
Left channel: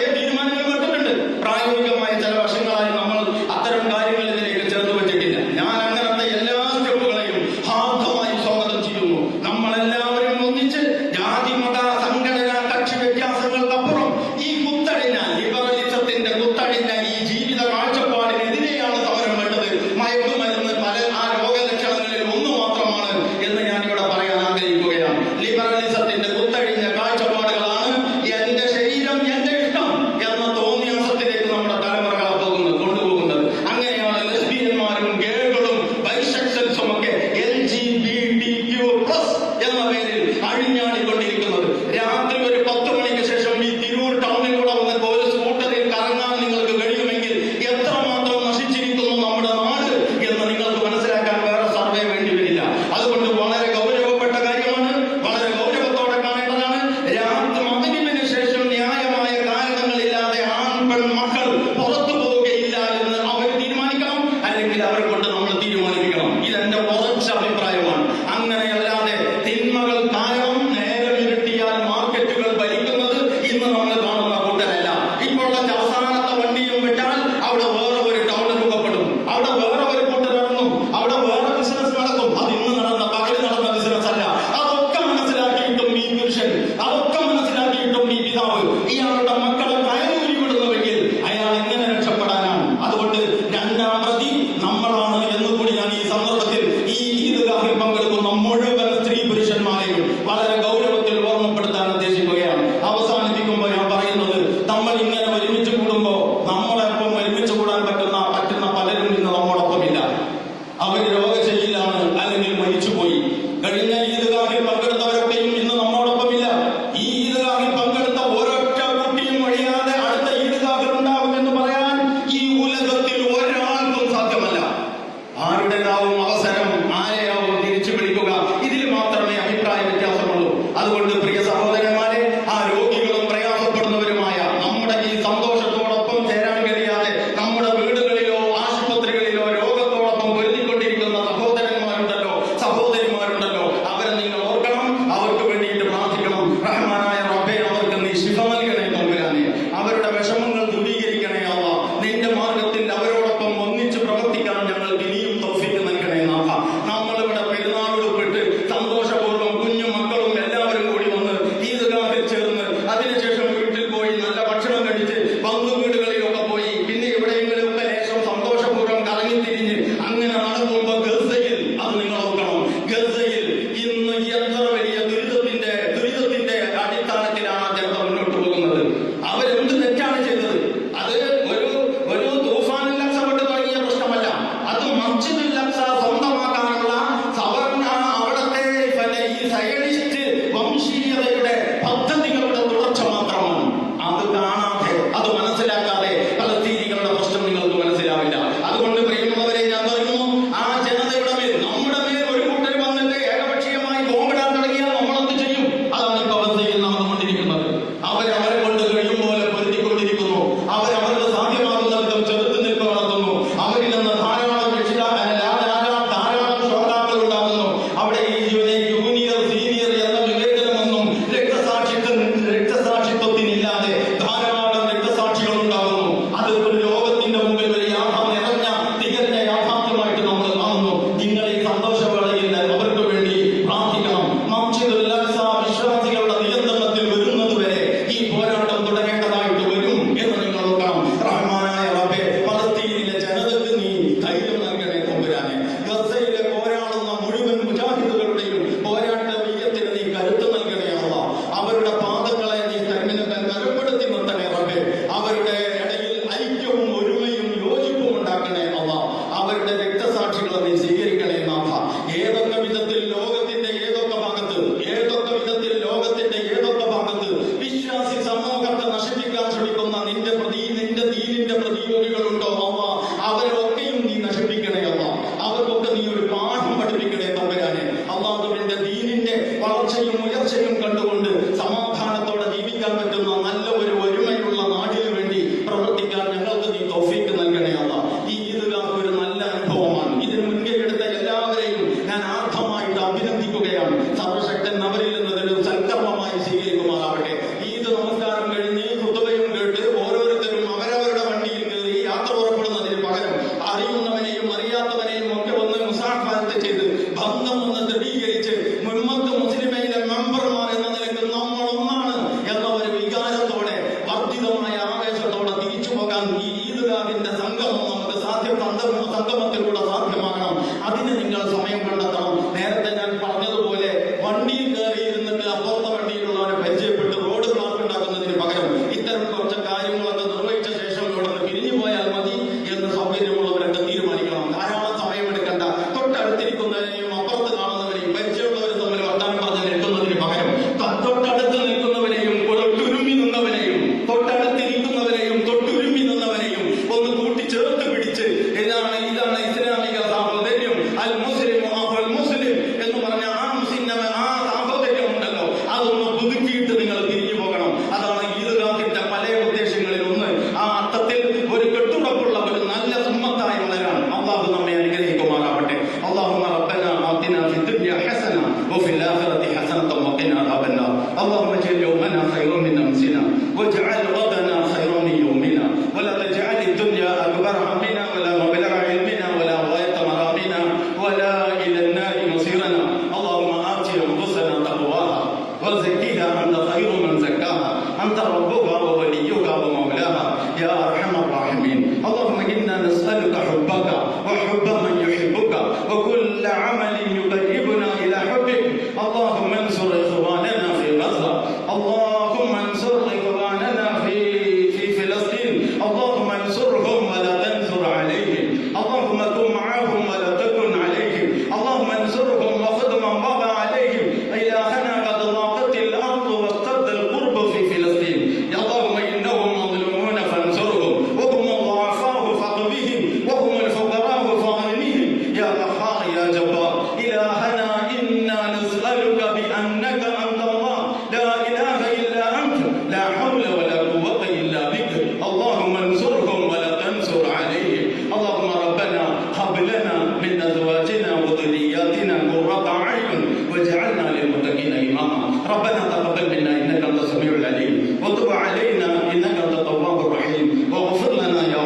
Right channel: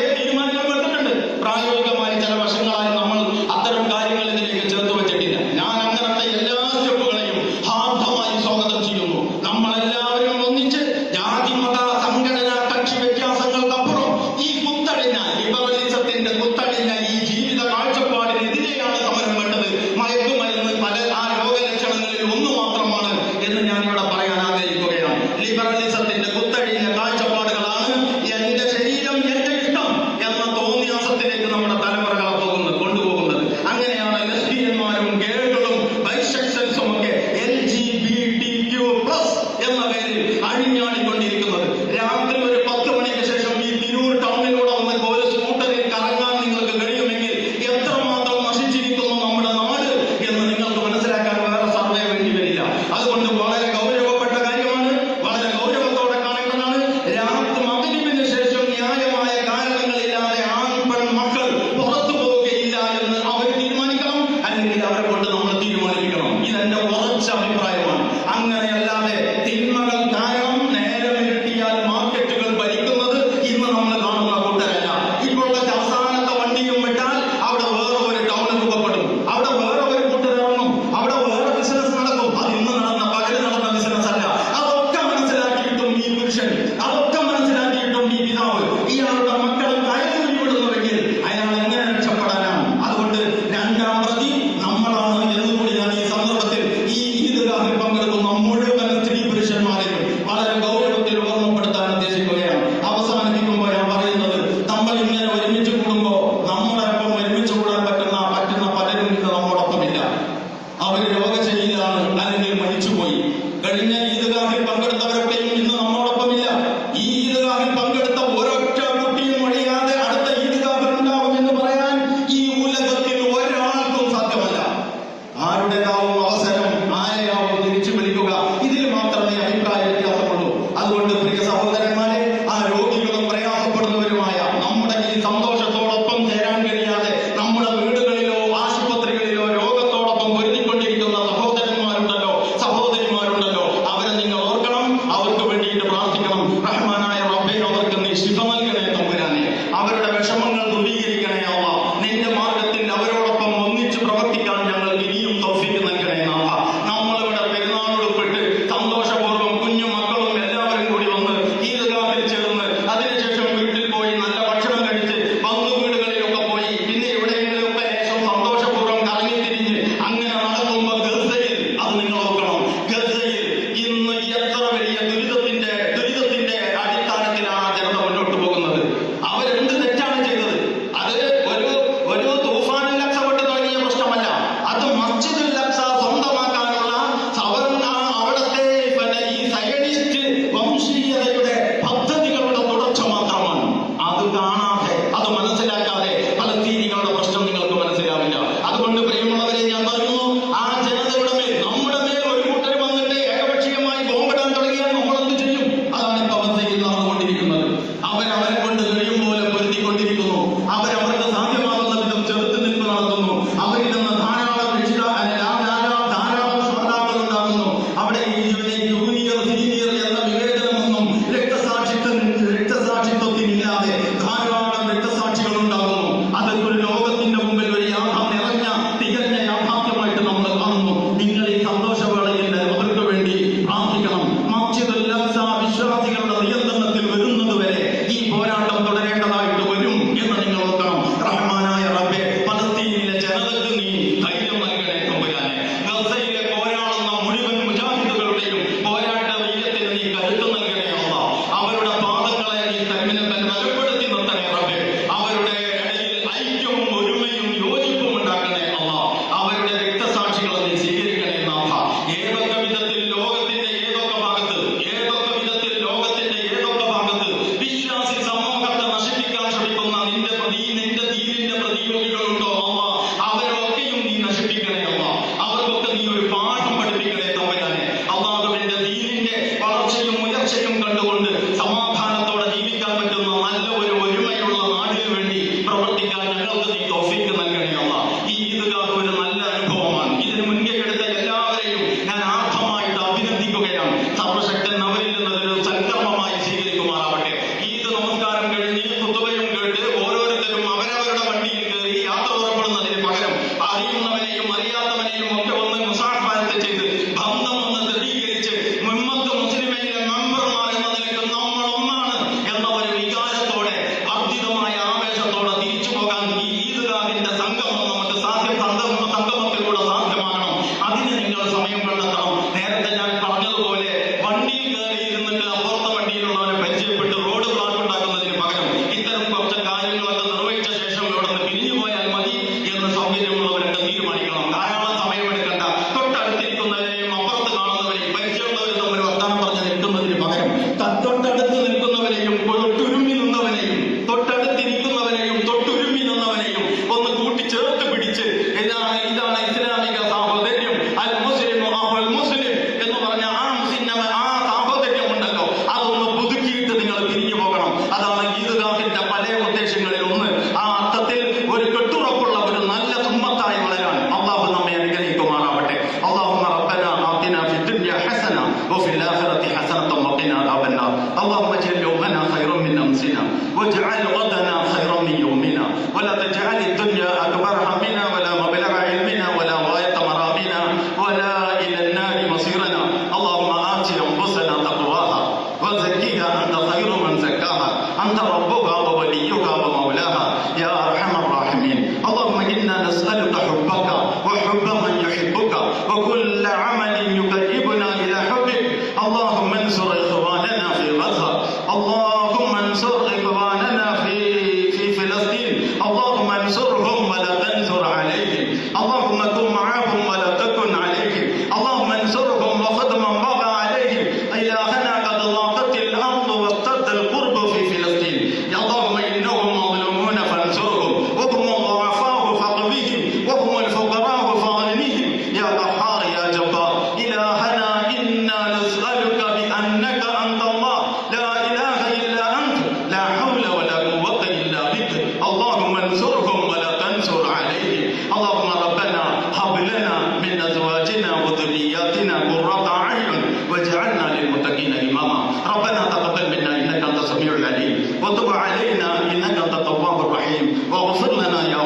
أنت ربها ووليها ومولاها يا أرحم الراحمين. اللهم إنا نسألك حبك وحب من يحبك وكل عمل يقربنا إلى حبك. اللهم انصر إخواننا في غزة، اللهم انصر إخواننا في فلسطين، اللهم انصرهم ولا تنصر عليهم، اللهم كن معهم ولا تكن عليهم، اللهم انصرهم وخذ من بغى عليهم. إلهنا قد ضاقت الأرض واشتد القرب في فلسطين، اللهم إنهم مظلومون فانصرهم، وهم الضعفاء فاقوهم، وهم الفقراء فاغنهم يا قهار يا جبار. إلهنا إنا نسألك بأنك أنت الله لا إله إلا أنت، لا حول ولا قوة إلا بك. اللهم انصرهم ولا تنصر عليهم. اللهم ربنا هب لنا من أزواجنا وذرياتنا قرة أعين واجعلنا للمتقين إماما. ربنا تقبل منا إنك أنت السميع العليم وتب علينا إنك أنت التواب الرحيم واغفر لنا يا